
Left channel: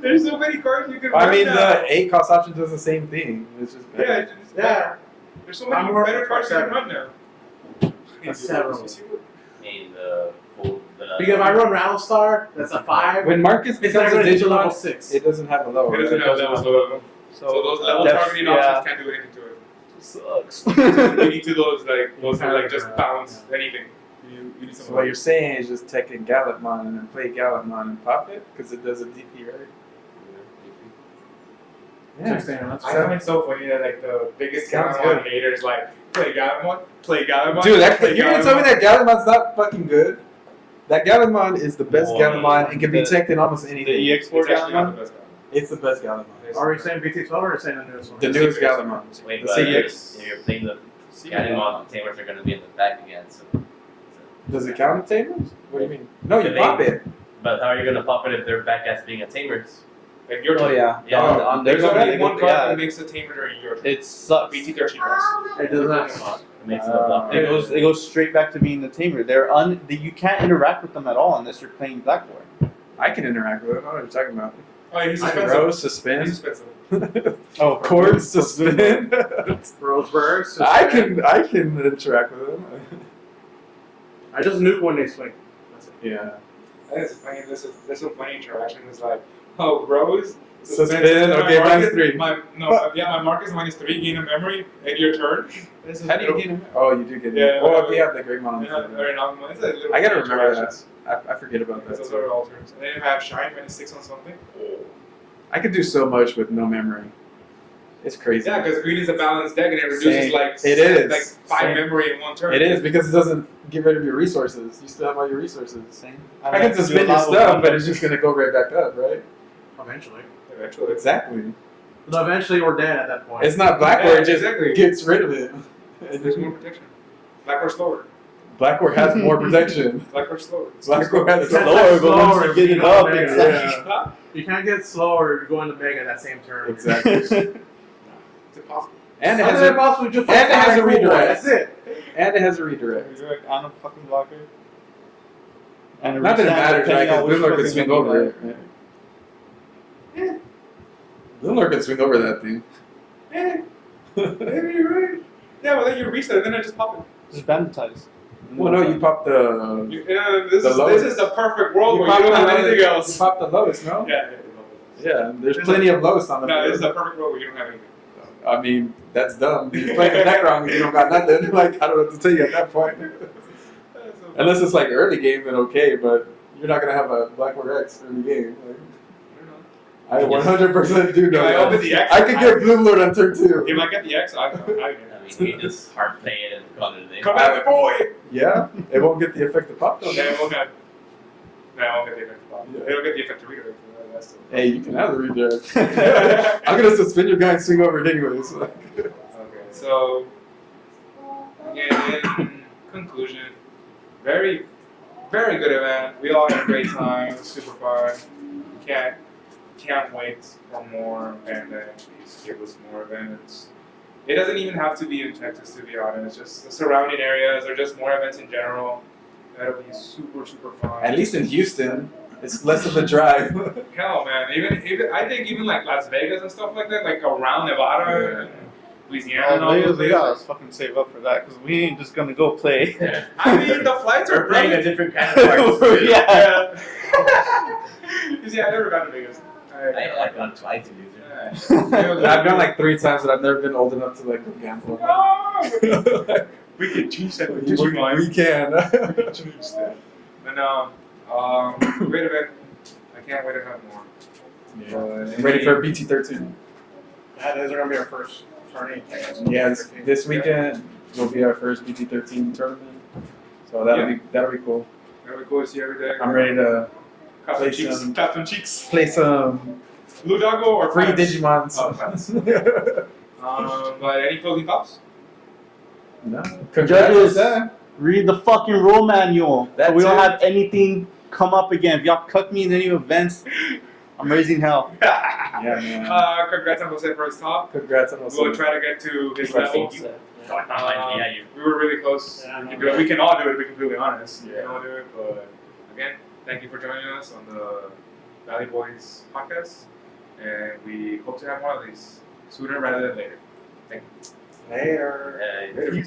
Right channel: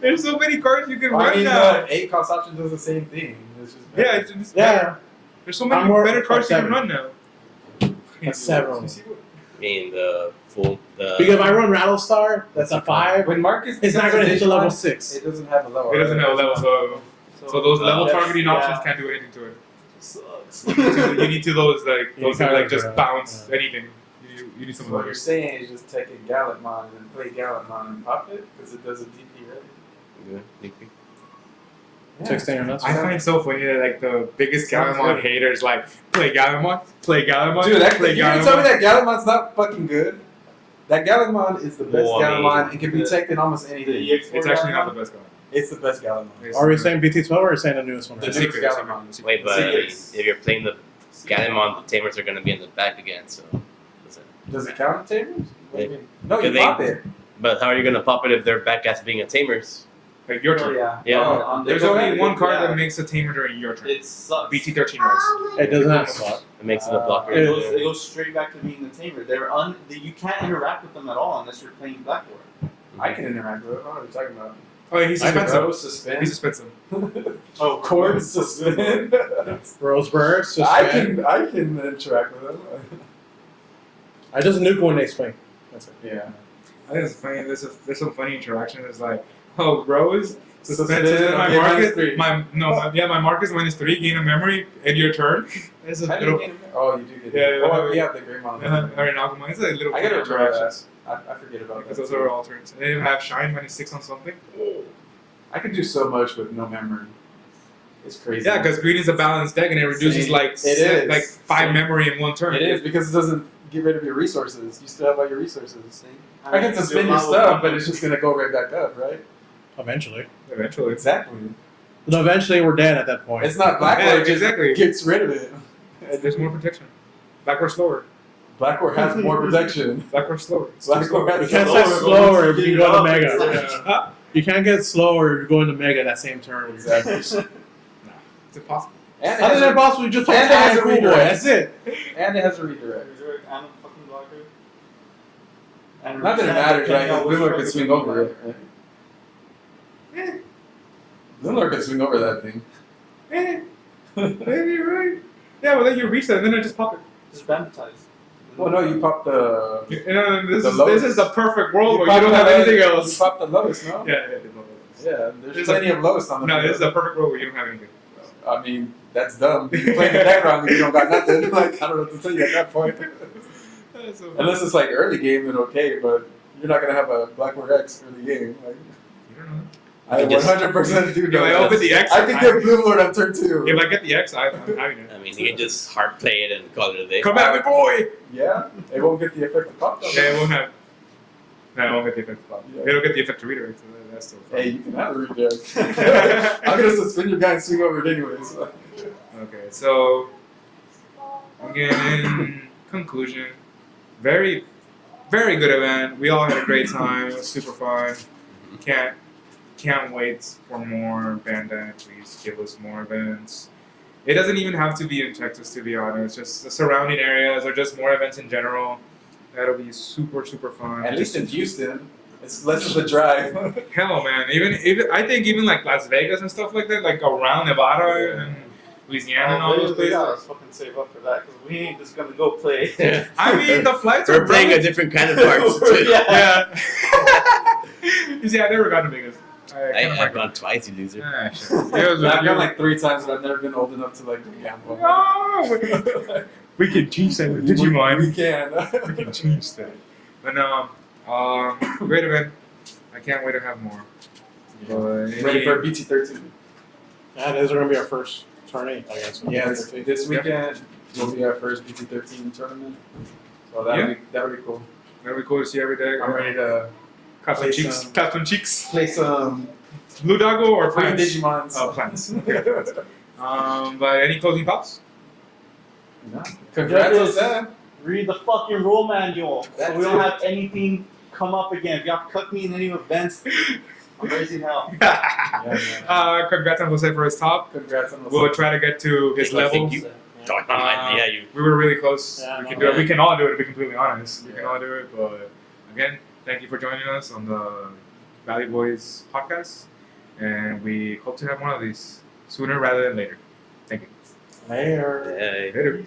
There's so many cards you can run I mean, now. the 8 cost option does the same thing. It's just Yeah, better. it's Yeah. better. There's so many I'm more better cards you can 7. run now. Several. You see what- I mean, the full. Because if I run Rattlestar, that's a 5. When Marcus It's not becomes a going to hit to level Digimon, 6. it doesn't have a level. It doesn't right? have levels, so those level that's- targeting yeah. options can't do anything to it. Sucks. You need to those You that like kinda, just bounce anything. You need So some what of you're those. saying is just take in Gallantmon and then play Gallantmon and pop it because it does a DP, right? Yeah. 16 or not. I find it so funny that like the biggest Sounds Gallimon good. haters like play Gallimon. Dude, play you're gonna tell me that Gallantmon's not fucking good? That Gallantmon is the best Boy. Galantmon and can be The- teched in almost The anything. EX4 It's actually not Gallimon? the best Gallimon. It's the best Galantmon. It's- Are we saying BT12 or are we saying the newest one? The The newest secret, Gallimon. Wait, The but secrets. if you're playing the Gallimon, the tamers are going to be in the back again. So, Does it count the tamers? What do you Yeah. mean? No, you Because they- pop it. but how are you going to pop it if they're back as being a tamers? Like your turn. yeah. Yeah. Oh, There's there's only already one card yeah. that makes a tamer during your turn. It sucks. BT13 Rex. It does not suck. It makes it a blocker. It goes straight back to being the tamer. You can't interact with them at all unless you're playing Blackboard. I can interact with it. What are you talking about? Oh, he's I can suspensive. Rose, suspend. He's suspensive. Oh, Cord, suspend. Roseburg. I can interact with them. I just nuke when they swing. That's it. Yeah. I think it's funny. There's some funny interaction. It's like, oh, Rose. Suspend, my okay, Marcus, -3. my Marcus -3, gain a memory, end your turn. This is How do you get him? Oh, you do get him. Yeah, Or yeah. if you have the Greymon on the I mean, Alchemon, it's a little I gotta funny remember that. interactions. I forget about that. Because those too. are all turns. And then you have Shine -6 on something. I could do so much with no memory. It's crazy. Yeah, because green is a balanced deck and it reduces Same. like It is. like 5 Same. memory in one turn. It is because it doesn't get rid of your resources. You still have all your resources. Same. I can suspend your stuff, but it's just gonna go right back up, right? Eventually. Eventually. Exactly. But eventually we're dead at that point. It's not Blackboard, Yeah, it just exactly. gets rid of it. There's more protection. Backward slower. Blackboard has more protection. Backward slower. Blackboard you has can't slower, get but slower once if you you get go it to up, Mega. it's Yeah. Huh? You can't get slower going to Mega that same turn. Exactly. It's impossible. And it Other has than a, boss, we just and it has a redirect. That's it. and it has a redirect. And a fucking blocker. And a Not that it reset, matters, right? depending on Because which Bloomlord fucking can swing game you over like. it. Right? Bloomlord can swing over that thing. Maybe you're right. Yeah, well then you reset and then I just pop it. Just banditize. Well, no, you pop the. You know, this The is lowest. this is the perfect world where pop you don't the have lowest- anything You else. pop the lowest, no? Yeah, Yeah, there's This is plenty of lowest on the No, field. this is the perfect world where you don't have anything. I mean, that's dumb. You play the deck wrong and you don't got nothing. Like, I don't know what to tell you at that point. So Unless it's like early game, then okay, but you're not gonna have a Blackboard X early game. Like, I don't know. I You just- 100% do know If I that. open the X, I could get Bloom Lord on turn 2. If I get the X, I'm having it. I mean, you can just hard play it and call it a day. Come back, boy! Yeah, it won't get the effect of pop though. Yeah, it won't have. No, I won't get the effect pop. Yeah. It'll get the effect to redirect. So that's still fun. Hey, you can have the redirect. I'm gonna suspend your guy and swing over it anyways. Okay, so again, in conclusion, very, very good event. We all had a great time. It was super fun. Can't wait for more. Bandai, please give us more events. It doesn't even have to be in Texas, to be honest. Just the surrounding areas or just more events in general. That'll be super, super fun. At least in Houston, it's less of a drive. Hell, man. Even I think even like Las Vegas and stuff like that, like around Nevada and Louisiana and all those We gotta places. fucking save up for that because we ain't just gonna go play. I mean, the flights We're are playing a great. different kind of parts too. Yeah. You see, I never got to Vegas. I've gone twice, you loser. Ah, shit. I've gone like 3 times, but I've never been old enough to like go gamble. No, we can teach them with Digimon. We can. We can teach that. But no, great event. I can't wait to have more. I'm ready for BT13. Yeah, those are gonna be our first tourney, I guess. Yeah, this weekend will be our first BT13 tournament, so that'll be cool. It'll be cool to see every day. I'm ready to Clap play some cheeks. some- Clap some cheeks. play some Blue Doggo or free plants? Digimons. Oh, plants. But any closing thoughts? No, congrats on Judges. that. Read the fucking rule manual so That's we don't it. have anything come up again. If y'all cut me in any events, I'm raising hell. Yeah, man. Congrats on Jose for his top. Congrats on We'll try to get to his I think levels. you- Yeah, you. We were really close. Yeah, we can no, do it. yeah. We can all do it. To be completely honest, we Yeah. can all do it. But again, thank you for joining us on the Valley Boys podcast, and we hope to have more of these sooner rather than later. Thank you. Later. Hey. Later.